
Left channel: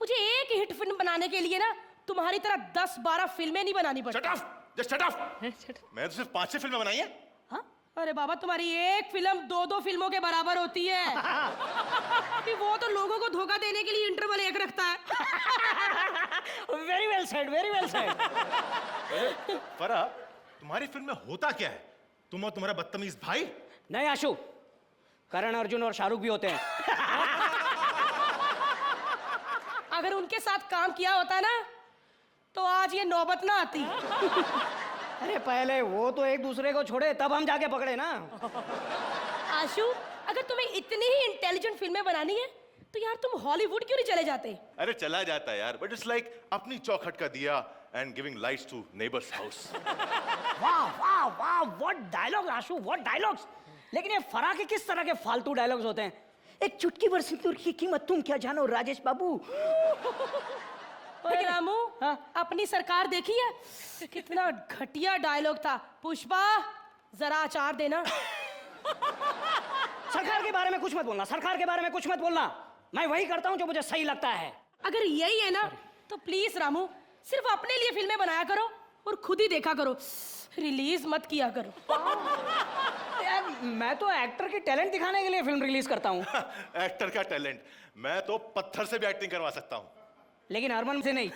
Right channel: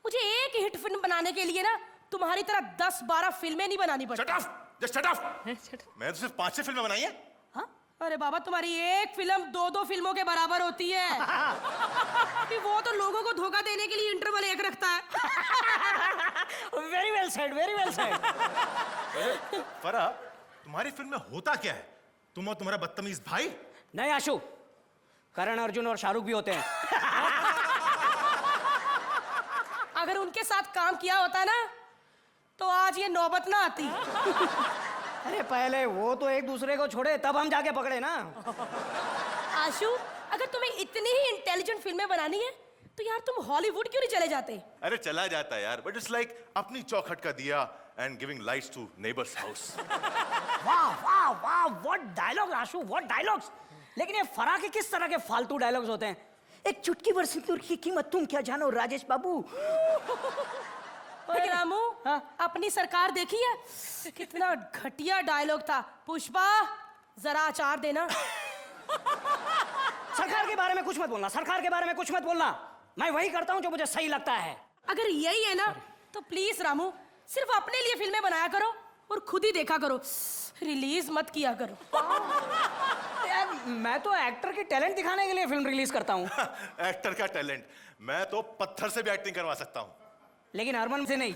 मुझे एक हिट फिल्म बनाने के लिए ना तुम्हारी तरह 10-12 फिल्में नहीं बनानी पड़ती. Shut up! मैंने सिर्फ 5 फिल्म बनाई है. हाँ? अरे बाबा, तुम्हारी एक फिल्म 2-2 फिल्मों के बराबर होती है. कि वो तो लोगों को धोखा देने के लिए इंटरवल एक रखता है. Very well said, very well said. तुम्हारी फिल्म में होता क्या है? तुम और तुम्हारा बदतमीज भाई? नहीं आशु, करण अर्जुन और शाहरुख भी होते हैं। अगर उनके साथ काम किया होता ना तो आज ये नौबत ना आती। अरे पहले वो तो एक दूसरे को छोड़े तब हम जाके पकड़े ना। आशु, अगर तुम्हें इतनी ही इंटेलिजेंट फिल्में बनानी है तो यार तुम हॉलीवुड क्यों नहीं चले जाते? अरे चला जाता है यार, बट इट्स लाइक अपनी चौखट का दिया and giving lights to neighbours house. वाह वाह वाह, what dialogue Ashu, what dialogues. लेकिन फराक के किस तरह के फालतू डायलॉग्स होते हैं? एक चुटकी भर सिंदूर की कीमत तुम क्या जानो राजेश बाबू। अरे रामू, हाँ? अपनी सरकार देखी है? कितना घटिया डायलॉग था। पुष्पा, जरा चाट देना। सरकार के बारे में कुछ मत बोलना, सरकार के बारे में कुछ मत बोलना। मैं वही करता हूँ जो मुझे सही लगता है। अगर यही है ना तो प्लीज रामू, सिर्फ अपने लिए फिल्में बनाया करो और खुद ही देखा करो, रिलीज मत किया करो। यार मैं तो एक्टर की टैलेंट दिखाने के लिए फिल्म रिलीज करता हूँ। एक्टर का टैलेंट, मैं तो पत्थर से भी एक्टिंग करवा सकता हूँ। लेकिन हरमन से नहीं।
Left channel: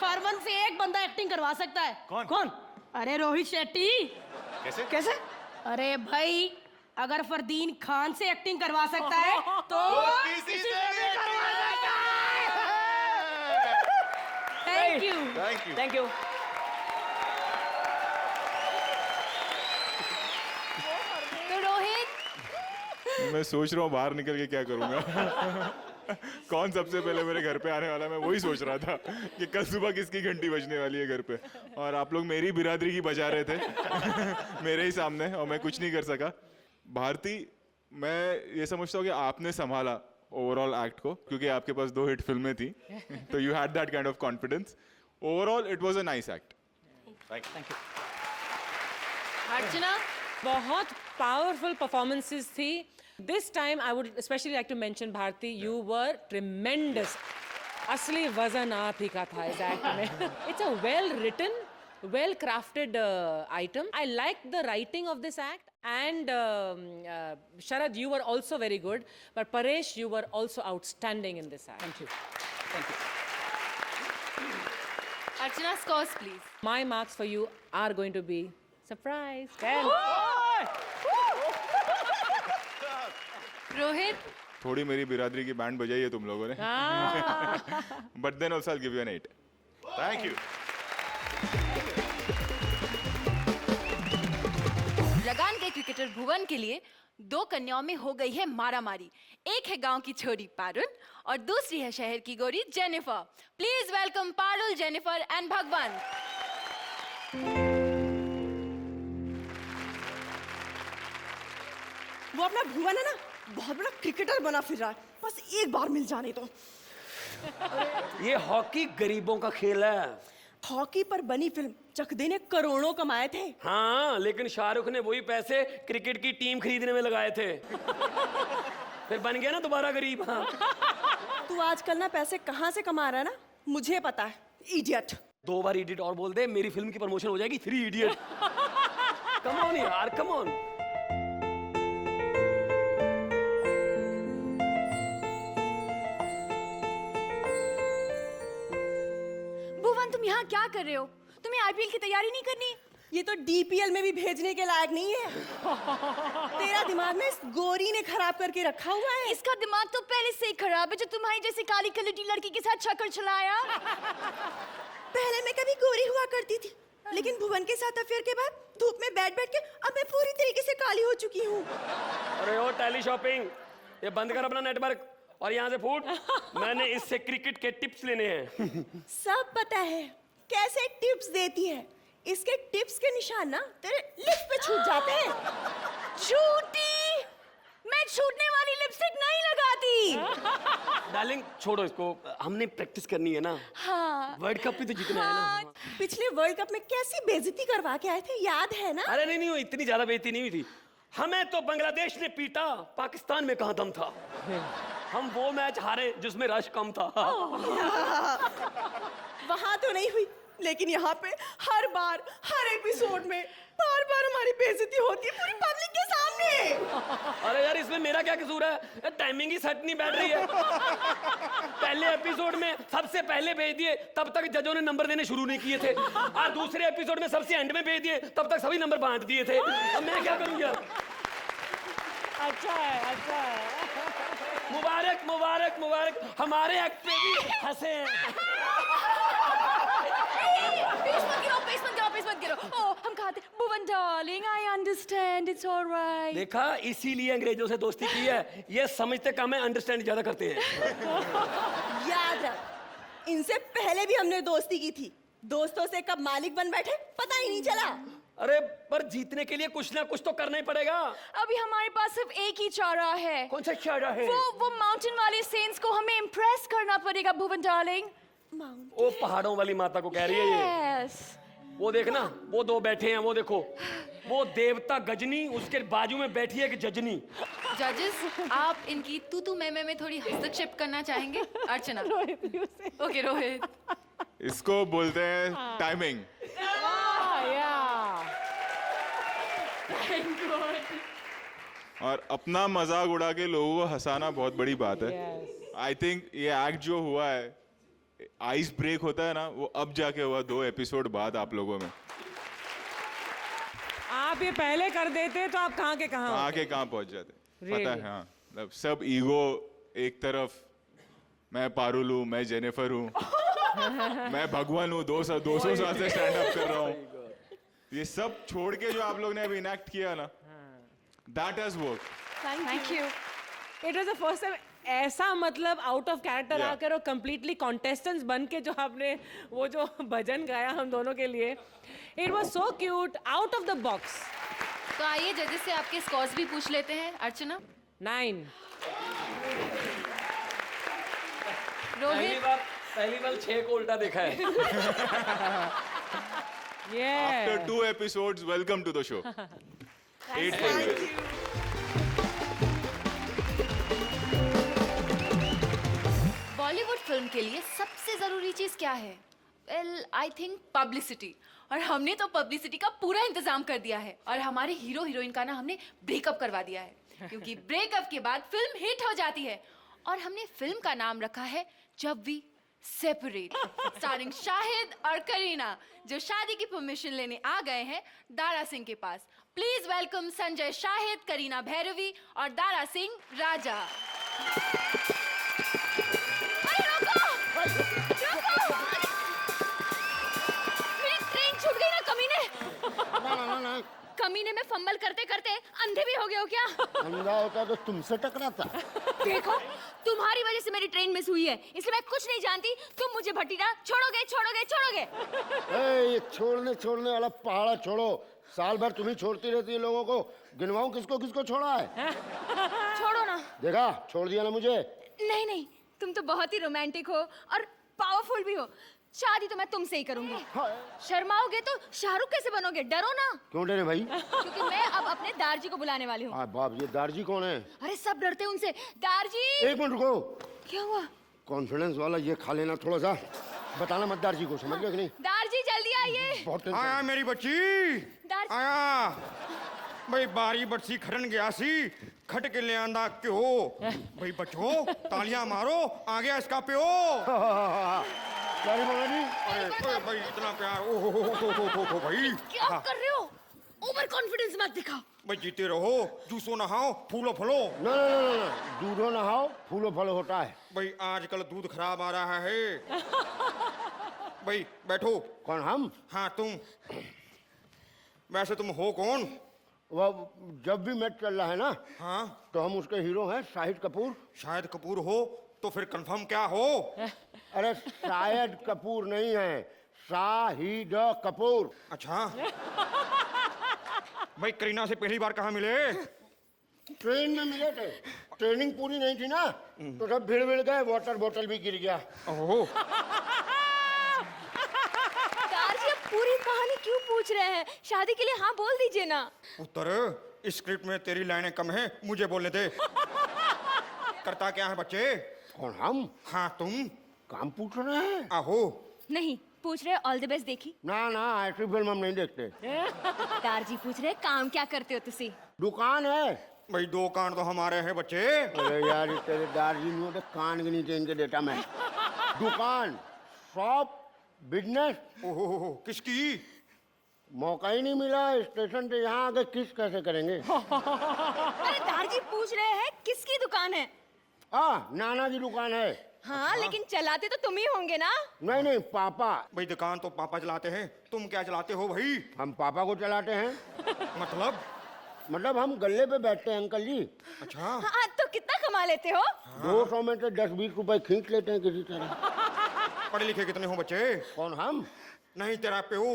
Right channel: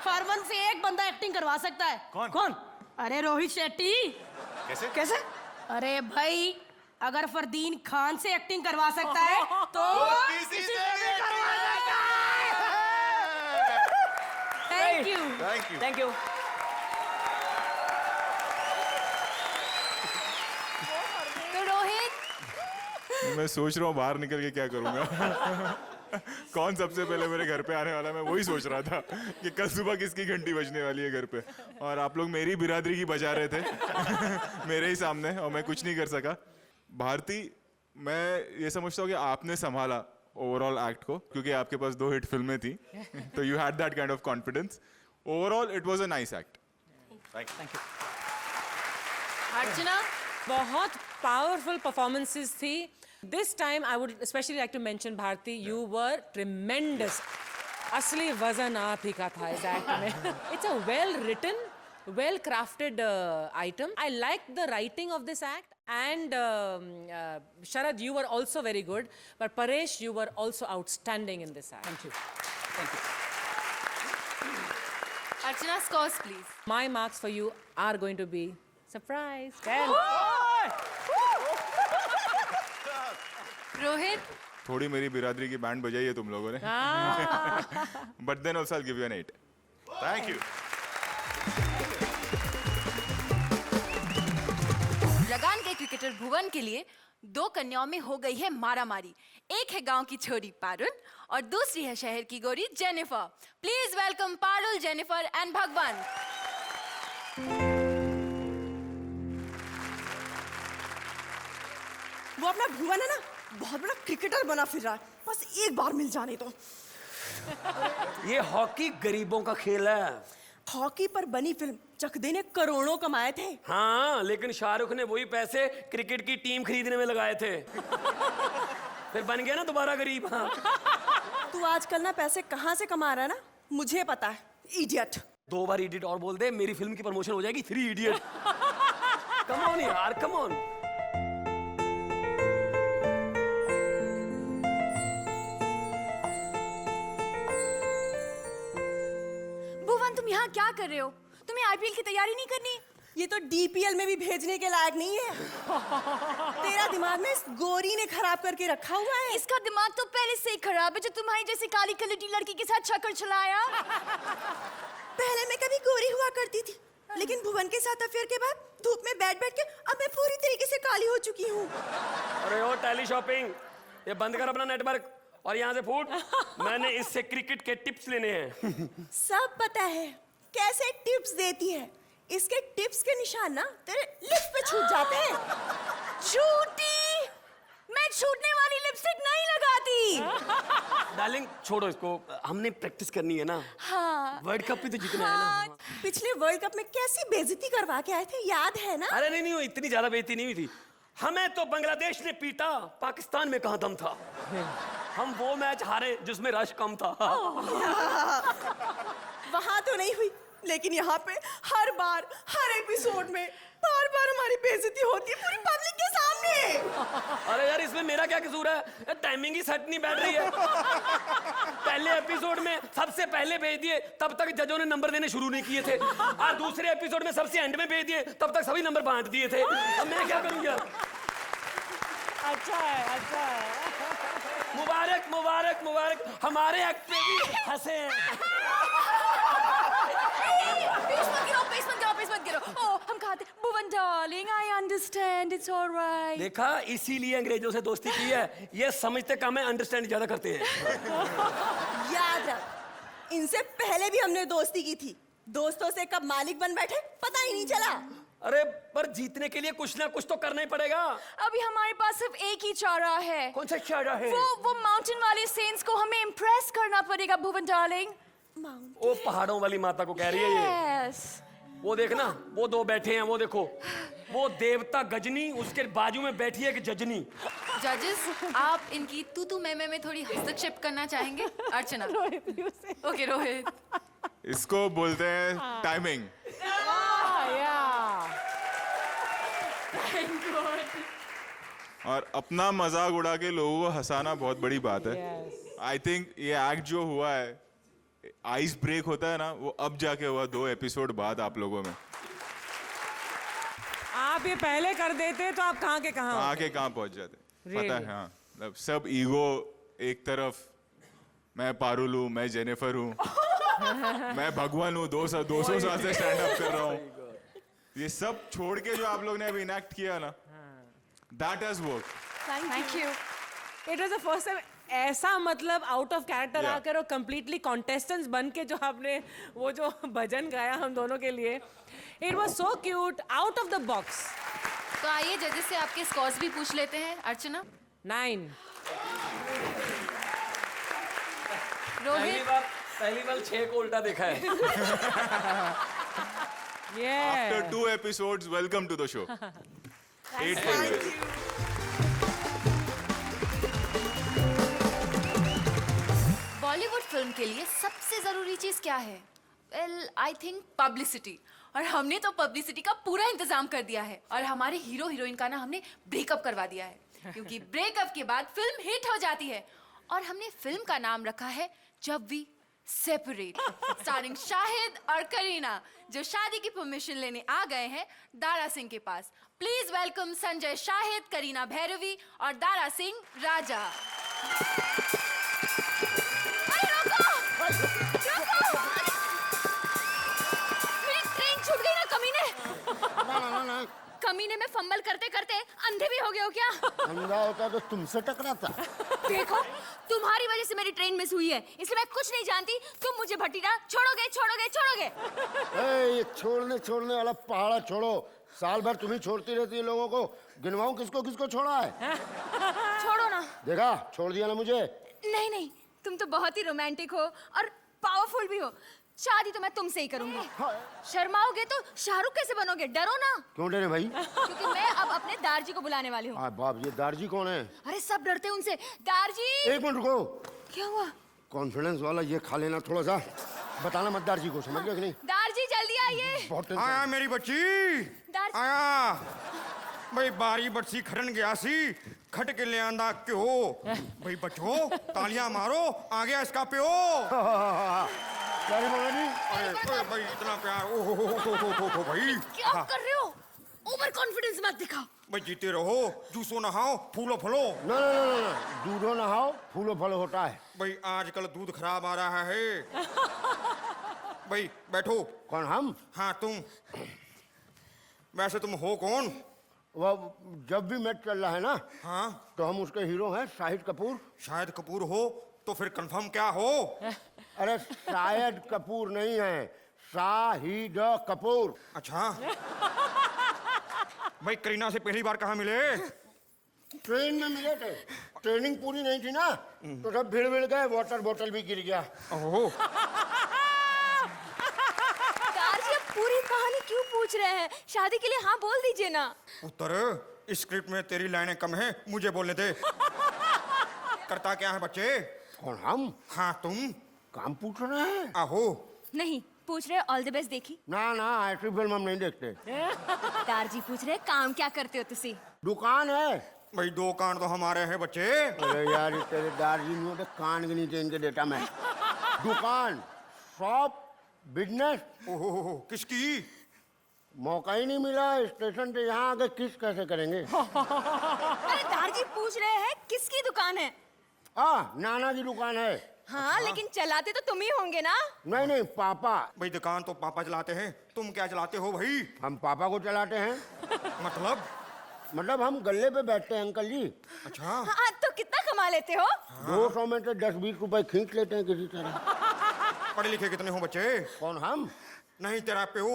हरमन से एक बंदा एक्टिंग करवा सकता है। कौन? अरे रोहित शेट्टी। कैसे? कैसे? अरे भाई, अगर फरदीन खान से एक्टिंग करवा सकता है तो thank you. Thank you. Rohit, मैं सोच रहा हूँ बाहर निकल के क्या करूँगा। कौन सबसे पहले मेरे घर पे आने वाला है, मैं वही सोच रहा था कि कल सुबह किसकी घंटी बजने वाली है घर पे, और आप लोग मेरी बिरादरी ही बजा रहे थे मेरे ही सामने, और मैं कुछ नहीं कर सका। भारती, मैं ये समझता हूँ कि आपने संभाला ओवरऑल एक्ट को, क्योंकि आपके पास 2 हिट फिल्में थी, तो you had that kind of confidence. Overall it was a nice act. Archana, बहुत पावरफुल परफॉर्मेंसेस थी। This time I would especially like to mention Bharti, you were tremendous. असली वजन आप ही का था इस act में. It's a well written, well crafted item. I like the writing of this act, and Sharad, you were also very good. But Paresh, you were also outstanding in this act. Thank you. Archana, scores please. My marks for you are going to be surprise. Rohit, थोड़ी मेरी बिरादरी की band बजाई है तुम लोगों ने, but then also I give you an 8। Thank you. Lagaan के क्रिकेटर भुवन के लिए 2 कन्याओं में हो गई है मारामारी। एक है गांव की छोरी पारुल और दूसरी है शहर की गोरी Jennifer. Please welcome Parul, Jennifer and भगवान। वो अपना भुवन है ना, बहुत बड़ा क्रिकेटर बना फिर रहा है, बस एक बार मिल जाए तो। ये हॉकी गरीबों का खेल है। हॉकी पर बनी फिल्म चकदे ने करोड़ों कमाए थे। हाँ, लेकिन शाहरुख ने वही पैसे क्रिकेट की टीम खरीदने में लगाए थे। फिर बन गया ना दोबारा गरीब। हाँ। तू आजकल ना पैसे कहाँ से कमा रहा है ना, मुझे पता है, इडियट। 2 बार इडियट और बोल दे, मेरी फिल्म की प्रमोशन हो जाएगी। 3 इडियट। कम ऑन यार, कम ऑन। भुवन, तुम यहाँ क्या कर रहे हो? तुम्हें आरबीआई की तैयारी नहीं करनी? ये तो डीपीएल में भी भेजने के लायक नहीं है। तेरा दिमाग में इस गोरी ने खराब करके रखा हुआ है। इसका दिमाग तो पहले से ही खराब है, जो तुम्हारी जैसी काली कलर की लड़की के साथ चक्कर चलाया। पहले मैं कभी गोरी हुआ करती थी, लेकिन भुवन के साथ अफेयर के बाद धूप में बैठ बैठ के अब मैं पूरी तरीके से काली हो चुकी हूँ। अरे वो टेली शॉपिंग, ये बंद कर अपना नेटवर्क और यहाँ से फूट। मैंने इससे क्रिकेट के टिप्स लेने हैं। सब पता है कैसे टिप्स देती है। इसके टिप्स के निशान ना तेरे लिप्स पे छूट जाते हैं। झूठी! मैं छूटने वाली लिपस्टिक नहीं लगाती। डार्लिंग छोड़ो इसको, हमने प्रैक्टिस करनी है ना। हाँ। वर्ल्ड कप भी जीतना है। हाँ, पिछले वर्ल्ड कप में कैसी बेइज्जती करवा के आए थे, याद है ना? अरे नहीं, इतनी ज्यादा बेइज्जती नहीं हुई थी। हमें तो बांग्लादेश ने पीटा, पाकिस्तान में कहाँ दम था। हम वो मैच हारे जिसमें रश कम था। वहाँ तो नहीं हुई, लेकिन यहाँ पे हर बार हर एपिसोड में बार बार हमारी बेइज्जती होती है पूरी पब्लिक के सामने। अरे यार, इसमें मेरा क्या कसूर है? टाइमिंग ही सेट नहीं बैठ रही है। पहले एपिसोड में सबसे पहले भेज दिए, तब तक जजों ने नंबर देने शुरू नहीं किए थे। और दूसरे एपिसोड में सबसे एंड में भेज दिए, तब तक सभी नंबर बांट दिए थे। मैं क्या करूं यार? अच्छा है। मुबारक मुबारक मुबारक, हमारे हक पे भी हंसे। देखा, इसीलिए अंग्रेजों से दोस्ती की है, ये समझते कम है, अंडरस्टैंड ज्यादा करते हैं। याद है, इनसे पहले भी हमने दोस्ती की थी। दोस्तों से कब मालिक बन बैठे पता ही नहीं चला। अरे पर जीतने के लिए कुछ ना कुछ तो करना ही पड़ेगा। अभी हमारे पास सिर्फ एक ही चारा है। कौन सा चारा है? वो माउंटेन वाले सेंट्स को हमें इम्प्रेस करना पड़ेगा भुवन डार्लिंग। वो पहाड़ों वाली माता को कह रही है ये। यस। वो देखना, वो दो बैठे हैं, वो देखो, वो देवता गजनी, उसके बाजू में बैठी है कि जजनी। जजेस, आप इनकी तू मैं थोड़ी हस्तक्षेप करना चाहेंगे? अर्चना। ओके रोहित। इसको बोलते हैं टाइमिंग। और अपना मजाक उड़ा के लोगों को हंसाना बहुत बड़ी बात है। आई थिंक ये एक्ट जो हुआ है, आइस ब्रेक होता है ना, वो अब जाके हुआ 2 एपिसोड बाद आप लोगों में। आप ये पहले कर देते तो आप कहाँ के कहाँ। आगे कहाँ पहुंच जाते। पता है, हाँ, मतलब सब ईगो एक तरफ, मैं पारुल हूँ, मैं जेनिफर हूँ, मैं भगवान हूँ, 200 साल से स्टैंड अप कर रहा हूँ, ये सब छोड़ के जो आप लोगों ने इनैक्ट किया ना, that has worked. Thank you. It was the first time ऐसा मतलब आउट ऑफ कैरेक्टर Yeah. आकर और कंप्लीटली कॉन्टेस्टेंट्स बन के जो आपने वो जो भजन गाया हम दोनों के लिए, it was so cute, out of the box. तो आइए जजेस से आपके स्कोर्स भी पूछ लेते हैं। अर्चना। 9. रोहित। पहली बार 6 को उल्टा देखा है। After Yeah. 2 episodes, welcome to the show. 8 levels. Bollywood film के लिए सबसे जरूरी चीज क्या है? Well I think publicity. और हमने तो पब्लिसिटी का पूरा इंतजाम कर दिया है और हमारे हीरो हीरोइन का ना हमने ब्रेकअप करवा दिया है, क्योंकि ब्रेकअप के बाद फिल्म हिट हो जाती है। और हमने फिल्म का नाम रखा है जब वी सेपरेट, स्टारिंग शाहिद और करीना, जो शादी की परमिशन लेने आ गए हैं दारा सिंह के पास। प्लीज वेलकम संजय शाहिद, करीना भैरवी और दारा सिंह राजा। कमीने में फंबल करते करते अंधे भी हो गए हो क्या? अंधा होता तो तुमसे टकराता। देखो, तुम्हारी वजह से मेरी ट्रेन मिस हुई है, इसलिए मैं कुछ नहीं जानती। तुम मुझे भटीना छोड़ोगे। ये छोड़ने वाला पहाड़ा छोड़ो। साल भर तुम्हें छोड़ती रहती है लोगों को, गिरवाओ किसको छोड़ा है। छोड़ो ना। देखा, छोड़ दिया ना मुझे। नहीं, तुम तो बहुत ही रोमांटिक हो और पावरफुल भी हो। शादी तो मैं तुमसे ही करूंगी। शर्माओगे तो शाहरुख कैसे बनोगे? डरो ना। क्यों डरे भाई? क्योंकि मैं अब अपने दारजी को बुलाने वाली हूँ। बाप, ये दारजी कौन है? अरे सब डरते हैं उनसे। दारजी। एक मिनट को, क्या हुआ? कॉन्फिडेंस वाला ये खा लेना थोड़ा सा। बताना मत दारजी को, सुना क्या नहीं? दारजी जल्दी आइए। आया मेरी बच्ची, दारजी। आया भाई, बारी बच्ची खड़न गया सी, खट के ले आंदा क्यों भाई? बचो, तालियां मारो, आ गया इसका प्यो। क्या है वाला? भाई इतना प्यार, ओ भाई, क्या कर रहे हो? ओवर कॉन्फिडेंस मत दिखाओ। भाई जीते रहो, जूसो नहाओ, फूलो फलो। दूधो नहाओ, फूलो फल होता है। भाई आजकल दूध खराब आ रहा है। भाई बैठो। कौन हम? हाँ तुम। वैसे तुम हो कौन? वो जब भी मैच चल रहा है ना, हाँ, तो हम उसके हीरो हैं, शाहिद कपूर। शायद कपूर हो तो फिर कंफर्म क्या हो? अरे शाहिद कपूर नहीं है, शाहिद कपूर। अच्छा। भाई करीना से पहली बार कहाँ मिले? ट्रेन में मिले थे, ट्रेनिंग पूरी नहीं थी ना, तो जब भीड़ मिल गए, वाटर बॉटल भी गिर गया। ओहो। दारजी आप पूरी कहानी क्यों पूछ रहे हैं? शादी के लिए हाँ बोल दीजिए ना। उत्तर, इस स्क्रिप्ट में तेरी लाइनें कम है, मुझे बोले दे। करता क्या है बच्चे? कौन हम? हाँ तुम। काम पूछ रहे हैं? आहो। नहीं, पूछ रहे ऑल द बेस्ट देखी। ना ऐसी फिल्म हम नहीं देखते। दारजी पूछ रहे काम क्या करते हो तुसी? दुकान है, भाई 2 कान तो हमारे हैं बच्चे। अरे यार ये तेरे दादी को तो कान ही नहीं देंगे बेटा मैं। दुकान, शॉप, बिजनेस, ओह किसकी? मौका ही नहीं मिला स्टेशन से यहाँ आके किस कैसे करेंगे। अरे दादी पूछ रहे हैं किसकी दुकान है? नाना की दुकान है। हाँ लेकिन चलाते तो तुम ही होंगे ना? नहीं पापा। भाई दुकान तो पापा चलाते हैं, तुम क्या चलाते हो भाई? हम पापा को चलाते हैं। मतलब हम गले पे बैठते हैं अंकल जी। अच्छा हाँ तो कितना कमा लेते हो? 200 में से 10-20 रुपए खींच लेते हैं किसी तरह। पढ़े लिखे कितने हो बच्चे? कौन हम? नहीं तेरा प्यो।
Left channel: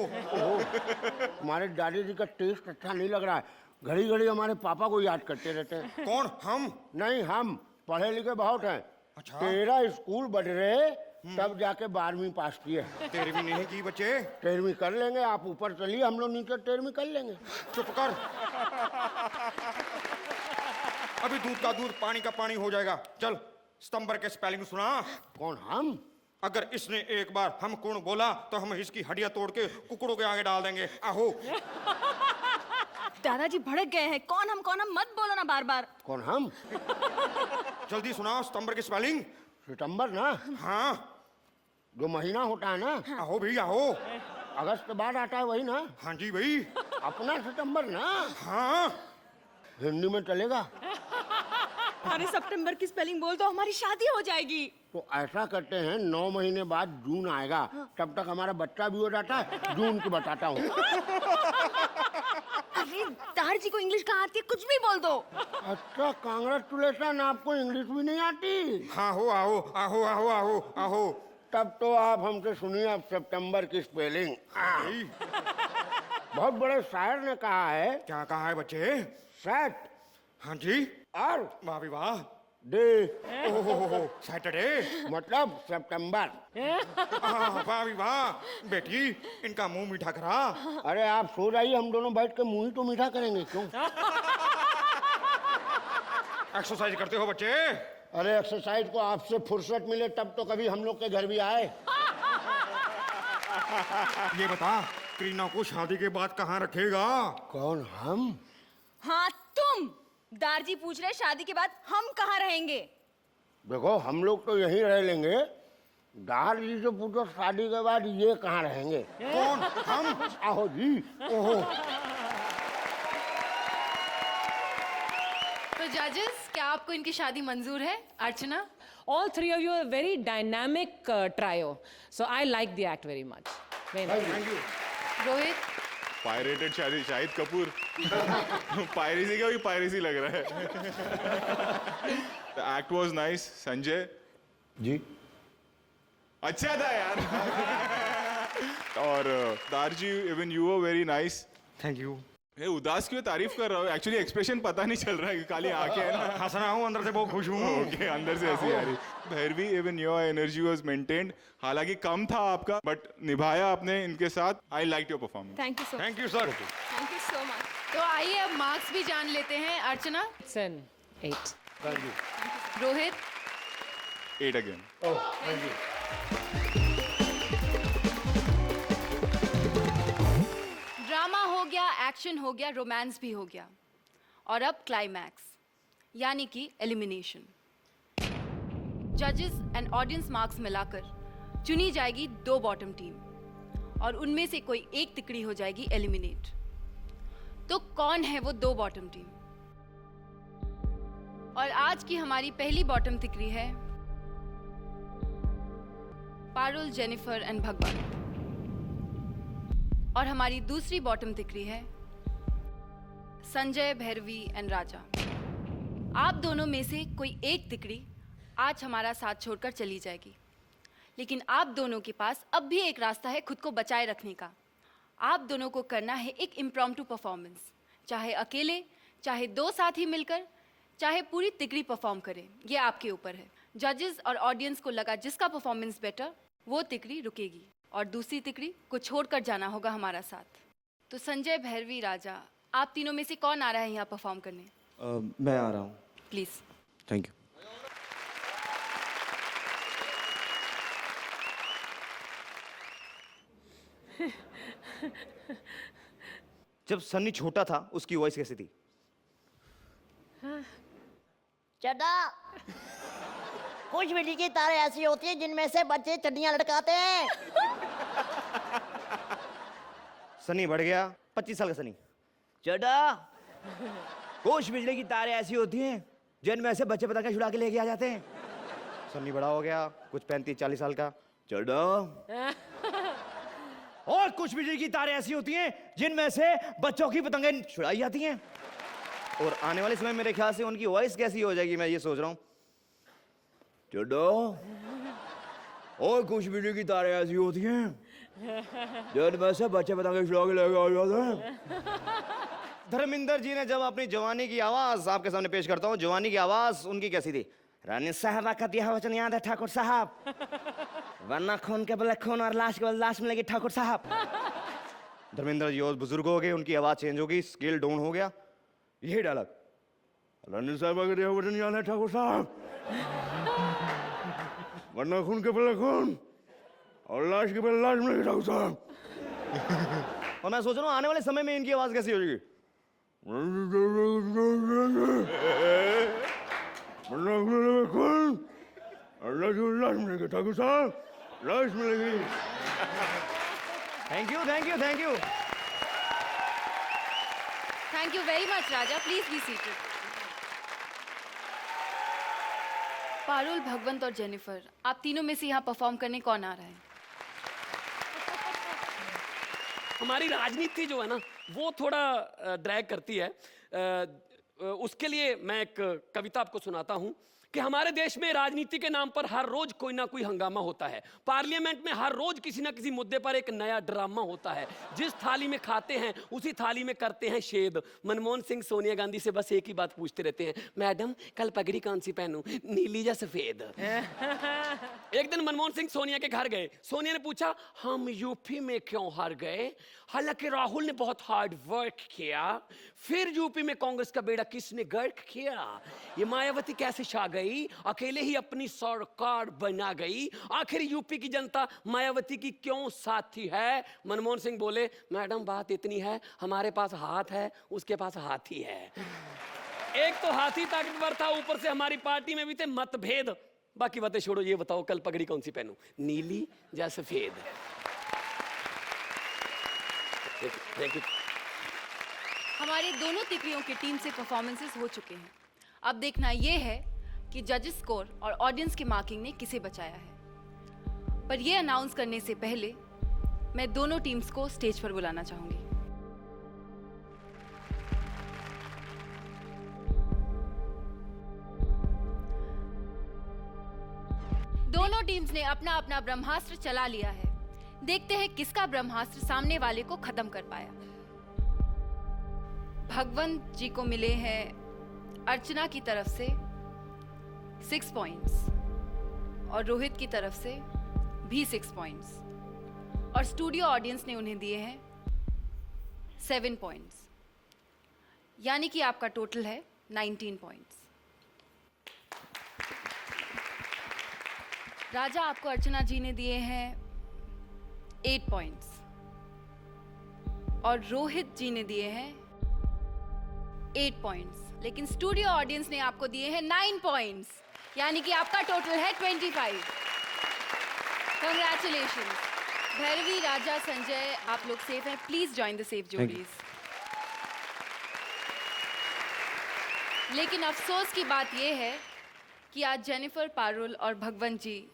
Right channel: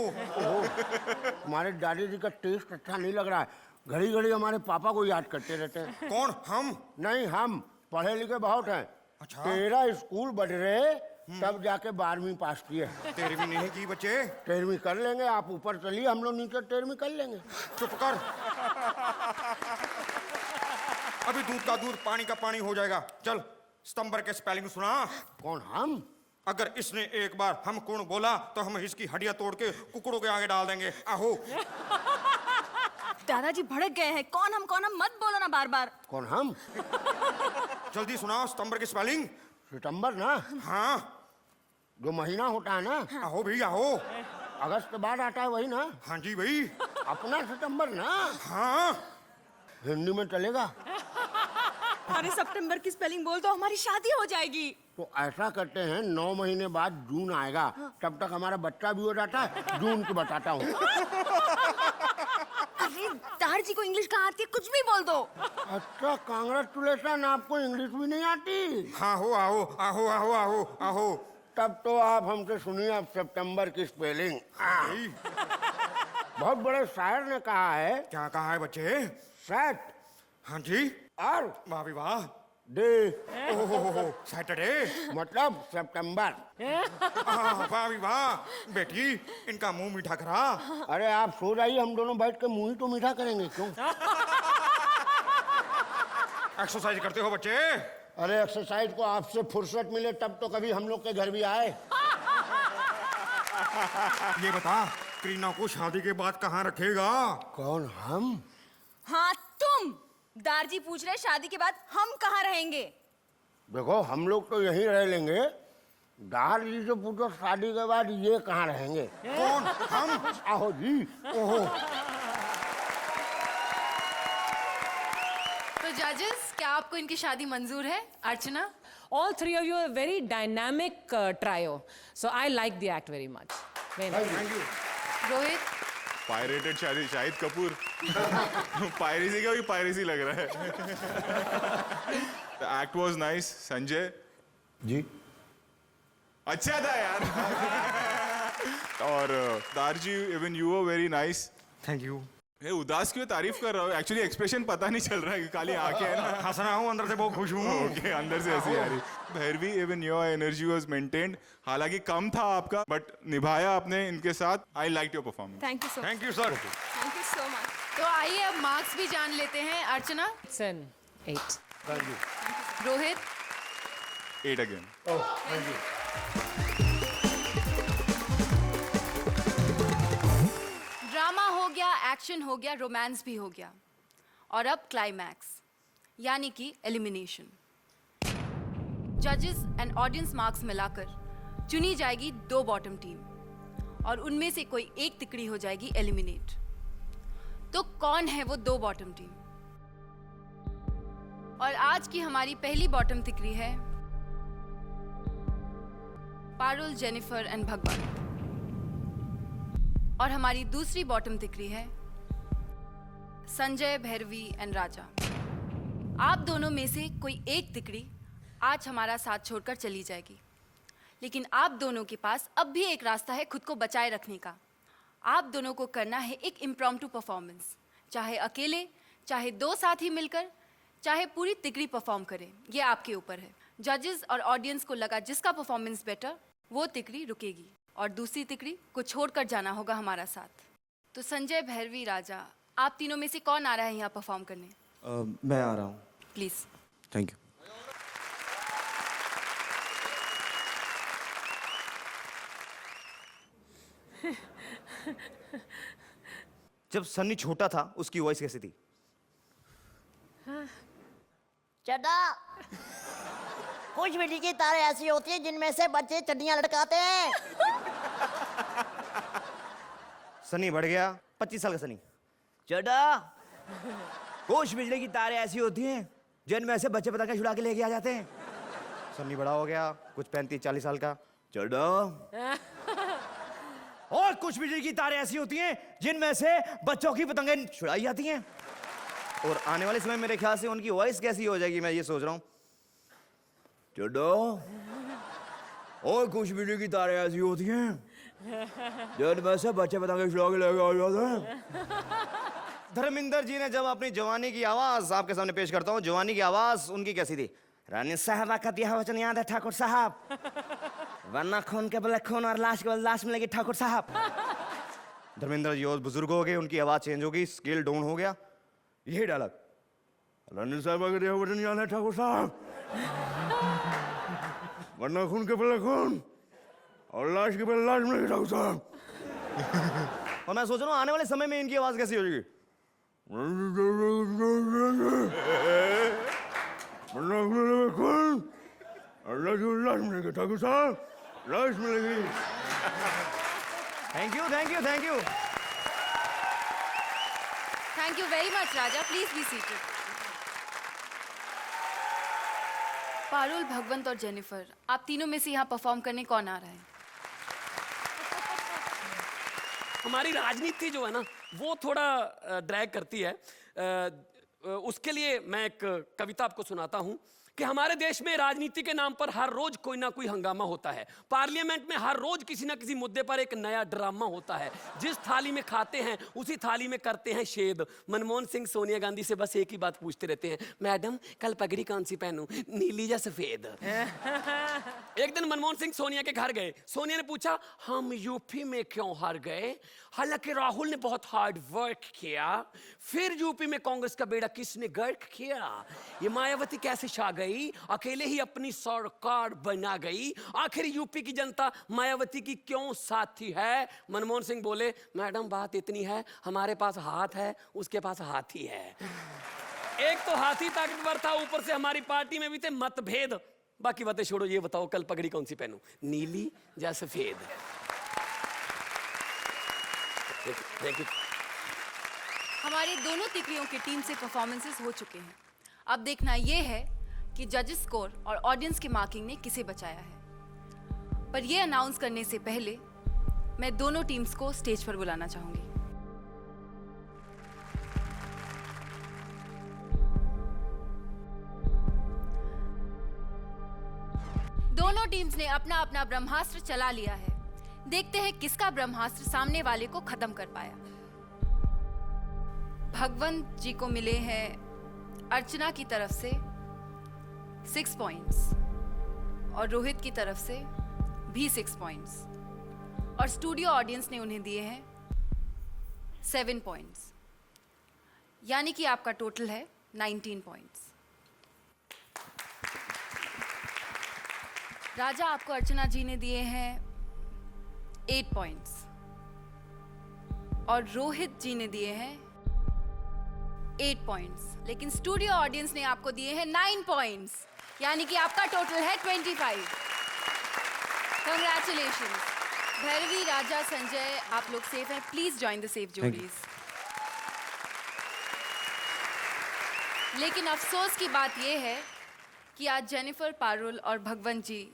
हमारे दादी जी का टेस्ट अच्छा नहीं लग रहा है, घड़ी घड़ी हमारे पापा को याद करते रहते हैं। कौन हम? नहीं हम पढ़े लिखे बहुत हैं। तेरा स्कूल बढ़ रहे तब जाके 12वीं पास किए। तेरी भी नहीं की बच्चे। 13वीं कर लेंगे, आप ऊपर चलिए, हम लोग नीचे 13वीं कर लेंगे। चुप कर। अभी दूध का दूध पानी का पानी हो जाएगा। चल सितंबर के स्पेलिंग सुना। कौन हम? अगर इसने एक बार हम कौन बोला तो हम इसकी हड्डियां तोड़ के कुकड़ों के आगे डाल देंगे। आहो। दादाजी भड़क गए हैं। कौन हम मत बोलना बार बार। कौन हम? जल्दी सुनाओ सितंबर की स्पेलिंग। सितंबर ना? हाँ जो महीना होता है ना? आहो भी आहो। अगस्त के बाद आता है वही ना? हाँ जी भाई। अपना सितंबर ना? हाँ हिंदी में चलेगा। अरे सितंबर की स्पेलिंग बोल दो, हमारी शादी हो जाएगी। तो ऐसा करते हैं 9 महीने बाद जून आएगा, तब तक हमारा बच्चा भी हो जाता है। जून की बताता हूँ। अरे दादाजी को इंग्लिश का आती है, कुछ भी बोल दो। अच्छा कांग्रेचुलेशन, आपको इंग्लिश भी नहीं आती? हाँ हो आहो आहो आहो आहो आहो। तब तो आप हमसे सुनिए अब सितंबर की स्पेलिंग। बहुत बड़े शायर ने कहा है। क्या कहा है बच्चे? सैट हाँ जी। और वाह भी वाह। डे ओह सैटरडे मतलब सितंबर। वाह भी वाह। बेटी इनका मुंह मीठा करा। अरे आप सो जाइए, हम दोनों बैठ के मुंह तो मीठा करेंगे। क्यों? एक्सरसाइज करते हो बच्चे? अरे एक्सरसाइज को आपसे फुर्सत मिले तब तो कभी हम लोग के घर भी आए। ये बता करीना को शादी के बाद कहाँ रखेगा? कौन हम? हाँ तुम। दादाजी पूछ रहे हैं शादी के बाद हम कहाँ रहेंगे? देखो हम लोग तो यहीं रह लेंगे। दादी से पूछो शादी के बाद ये कहाँ रहेंगे। आहो जी। ओहो। तो जजेस, क्या आपको इनकी शादी मंजूर है? अर्चना? All three of you are very dynamic trio. So I like the act very much. Rohit? Pirated Shahid Kapoor. Piracy का भी पायरेसी लग रहा है। The act was nice. Sanjay ji अच्छा था यार। और तारजी, even you were very nice. Thank you. ये उदास क्यों तारीफ कर रहा हूँ? एक्चुअली एक्सप्रेशन पता नहीं चल रहा है कि खाली आके है ना। हंस रहा हूँ, अंदर से बहुत खुश हूँ। ओके अंदर से ऐसी आ रही। Bhairavi, even your energy was maintained. हालांकि कम था आपका, बट निभाया आपने इनके साथ। I liked your performance. Thank you so thank you sir. तो आइए अब मार्क्स भी जान लेते हैं। अर्चना? 7, 8. रोहित? 8 again. ड्रामा हो गया, एक्शन हो गया, रोमांस भी हो गया, और अब क्लाइमैक्स यानी कि एलिमिनेशन। जजेस एंड ऑडियंस मार्क्स मिलाकर चुनी जाएगी 2 बॉटम टीम और उनमें से कोई एक तिकड़ी हो जाएगी एलिमिनेट। तो कौन है वो 2 बॉटम टीम? और आज की हमारी पहली बॉटम तिकड़ी है पारुल, जेनिफर एंड भगवान। और हमारी दूसरी बॉटम तिकड़ी है संजय, भैरवी एंड राजा। आप दोनों में से कोई एक तिकड़ी आज हमारा साथ छोड़कर चली जाएगी, लेकिन आप दोनों के पास अब भी एक रास्ता है खुद को बचाए रखने का। आप दोनों को करना है एक इम्प्रॉम्प्टू परफॉर्मेंस, चाहे अकेले, चाहे 2 साथी मिलकर, चाहे पूरी तिकड़ी परफॉर्म करे, ये आपके ऊपर है। जजेस और ऑडियंस को लगा जिसका परफॉर्मेंस बेटर, वो तिकड़ी रुकेगी और दूसरी तिकड़ी को छोड़कर जाना होगा हमारा साथ। तो संजय, भैरवी, राजा, आप तीनों में से कौन आ रहा है यहाँ परफॉर्म करने? मैं आ रहा हूँ। प्लीज। Thank you. जब सनी छोटा था उसकी वॉइस कैसी थी? चड्डा कुछ बिजली की तार ऐसी होती है जिनमें से बच्चे चड्डियां लटकाते हैं। सनी बढ़ गया 25 साल का सनी। चड्डा कुछ बिजली की तार ऐसी होती हैं जिनमें से बच्चे पता छुड़ा के लेके आ जाते हैं। सनी बड़ा हो गया कुछ 35-40 साल का। चड्डा और कुछ बिजली की तार ऐसी होती हैं जिनमें से बच्चों की पतंगें छुड़ाई जाती हैं। और आने वाले समय मेरे ख्याल से उनकी वॉइस कैसी हो जाएगी मैं ये सोच रहा हूँ। चड्डा और कुछ बिजली की तार ऐसी होती हैं जिनमें से बच्चे पतंगें छुड़ा के लेके आ जाते हैं। धर्मेंद्र जी ने जब अपनी जवानी की आवाज आपके सामने पेश करता हूँ, जवानी की आवाज उनकी कैसी थी? रानी साहबा का दिया वचन याद है ठाकुर साहब, वरना खून के बदले खून और लाश को लाश मिलेगी ठाकुर साहब। धर्मेंद्र जी और बुजुर्ग हो गए, उनकी आवाज चेंज होगी, स्केल डाउन हो गया। ये डायलॉग रानी साहबा का दिया वचन याद है ठाकुर साहब, वरना खून के बदले खून और लाश के बदले लाश मिलेगी ठाकुर साहब। और मैं सोच रहा हूँ आने वाले समय में इनकी आवाज कैसी होगी। Thank you thank you thank you. Thank you very much, Raja. Please be seated. Parul, Bhagwant और जेनिफर, आप तीनों में से यहाँ परफॉर्म करने कौन आ रहा है? हमारी राजनीति जो है ना वो थोड़ा ड्रैग करती है। उसके लिए मैं एक कविता आपको सुनाता हूँ कि हमारे देश में राजनीति के नाम पर हर रोज कोई ना कोई हंगामा होता है। पार्लियामेंट में हर रोज किसी ना किसी मुद्दे पर एक नया ड्रामा होता है। जिस थाली में खाते हैं उसी थाली में करते हैं छेद। मनमोहन सिंह सोनिया गांधी से बस एक ही बात पूछते रहते हैं, मैडम कल पगड़ी कौन सी पहनूं, नीली या सफेद? एक दिन मनमोहन सिंह सोनिया के घर गए। सोनिया ने पूछा, हम यूपी में क्यों हार गए? हालांकि राहुल ने बहुत हार्ड वर्क किया, फिर यूपी में कांग्रेस का बेड़ा किसने गर्क किया? ये मायावती कैसे छा गई, अकेले ही अपनी सरकार बना गई? आखिर यूपी की जनता मायावती की क्यों साथी है? मनमोहन सिंह बोले, मैडम बात इतनी है, हमारे पास हाथ है, उसके पास हाथी है। एक तो हाथी तक पर था, ऊपर से हमारी पार्टी में भी थे मतभेद। बाकी बातें छोड़ो, ये बताओ कल पगड़ी कौन सी पहनूं, नीली या सफेद? हमारी दोनों तिथियों की टीम से परफॉर्मेंसेस हो चुके हैं। अब देखना ये है कि जजेस स्कोर और ऑडियंस की मार्किंग ने किसे बचाया है। पर ये अनाउंस करने से पहले मैं दोनों टीम्स को स्टेज पर बुलाना चाहूंगी। दोनों टीम्स ने अपना अपना ब्रह्मास्त्र चला लिया है। देखते हैं किसका ब्रह्मास्त्र सामने वाले को खत्म कर पाया। भगवंत जी को मिले हैं अर्चना की तरफ से 6 पॉइंट्स और रोहित की तरफ से भी 6 पॉइंट्स और स्टूडियो ऑडियंस ने उन्हें दिए हैं 7 पॉइंट्स, यानी कि आपका टोटल है 19 पॉइंट्स। राजा, आपको अर्चना जी ने दिए हैं 8 पॉइंट्स और रोहित जी ने दिए हैं 8 पॉइंट्स, लेकिन स्टूडियो ऑडियंस ने आपको दिए हैं 9 पॉइंट्स, यानी कि आपका टोटल है 25। Congratulations. भैरवी, राजा, संजय, आप लोग सेफ हैं। Please join the safe जोड़ीज। लेकिन अफसोस की बात यह है कि आज जेनिफर, पारुल और भगवंत जी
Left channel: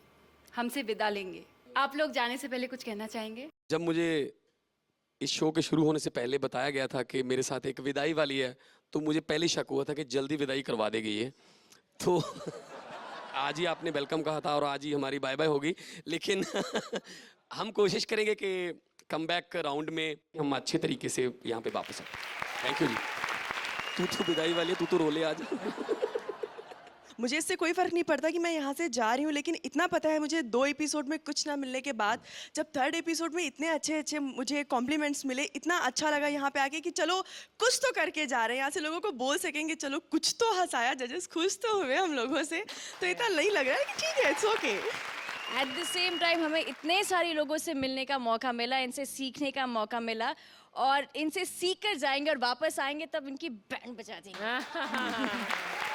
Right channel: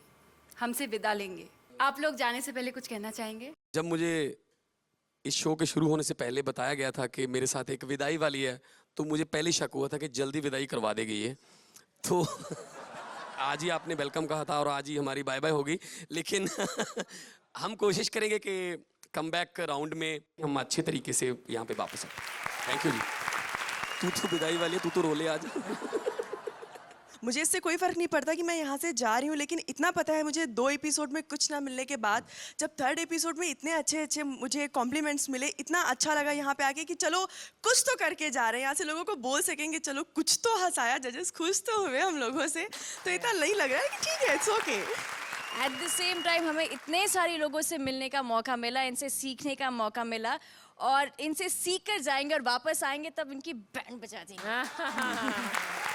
हमसे विदा लेंगे। आप लोग जाने से पहले कुछ कहना चाहेंगे? जब मुझे इस शो के शुरू होने से पहले बताया गया था कि मेरे साथ एक विदाई वाली है, तो मुझे पहले शक हुआ था कि जल्दी विदाई करवा देगी ये। तो आज ही आपने वेलकम कहा था और आज ही हमारी बाय बाय होगी। लेकिन हम कोशिश करेंगे कि कम बैक राउंड में हम अच्छे तरीके से यहाँ पे वापस। Thank you. तू तो विदाई वाली, तू तो रोले आज। मुझे इससे कोई फर्क नहीं पड़ता कि मैं यहाँ से जा रही हूँ, लेकिन इतना पता है मुझे 2 एपिसोड में कुछ ना मिलने के बाद जब 3rd एपिसोड में इतने अच्छे मुझे कॉम्प्लीमेंट्स मिले, इतना अच्छा लगा यहाँ पे आके कि चलो कुछ तो करके जा रहे हैं, यहाँ से लोगों को बोल सकेंगे चलो कुछ तो हंसाया, जजेस खुश तो हुए हम लोगों से, तो इतना नहीं लगा। ठीक है, it's okay. At the same time हमें इतने सारे लोगों से मिलने का मौका मिला, इनसे सीखने का मौका मिला और इनसे सीख कर जाएंगे और वापस आएंगे तब इनकी बैंड बजा देंगे।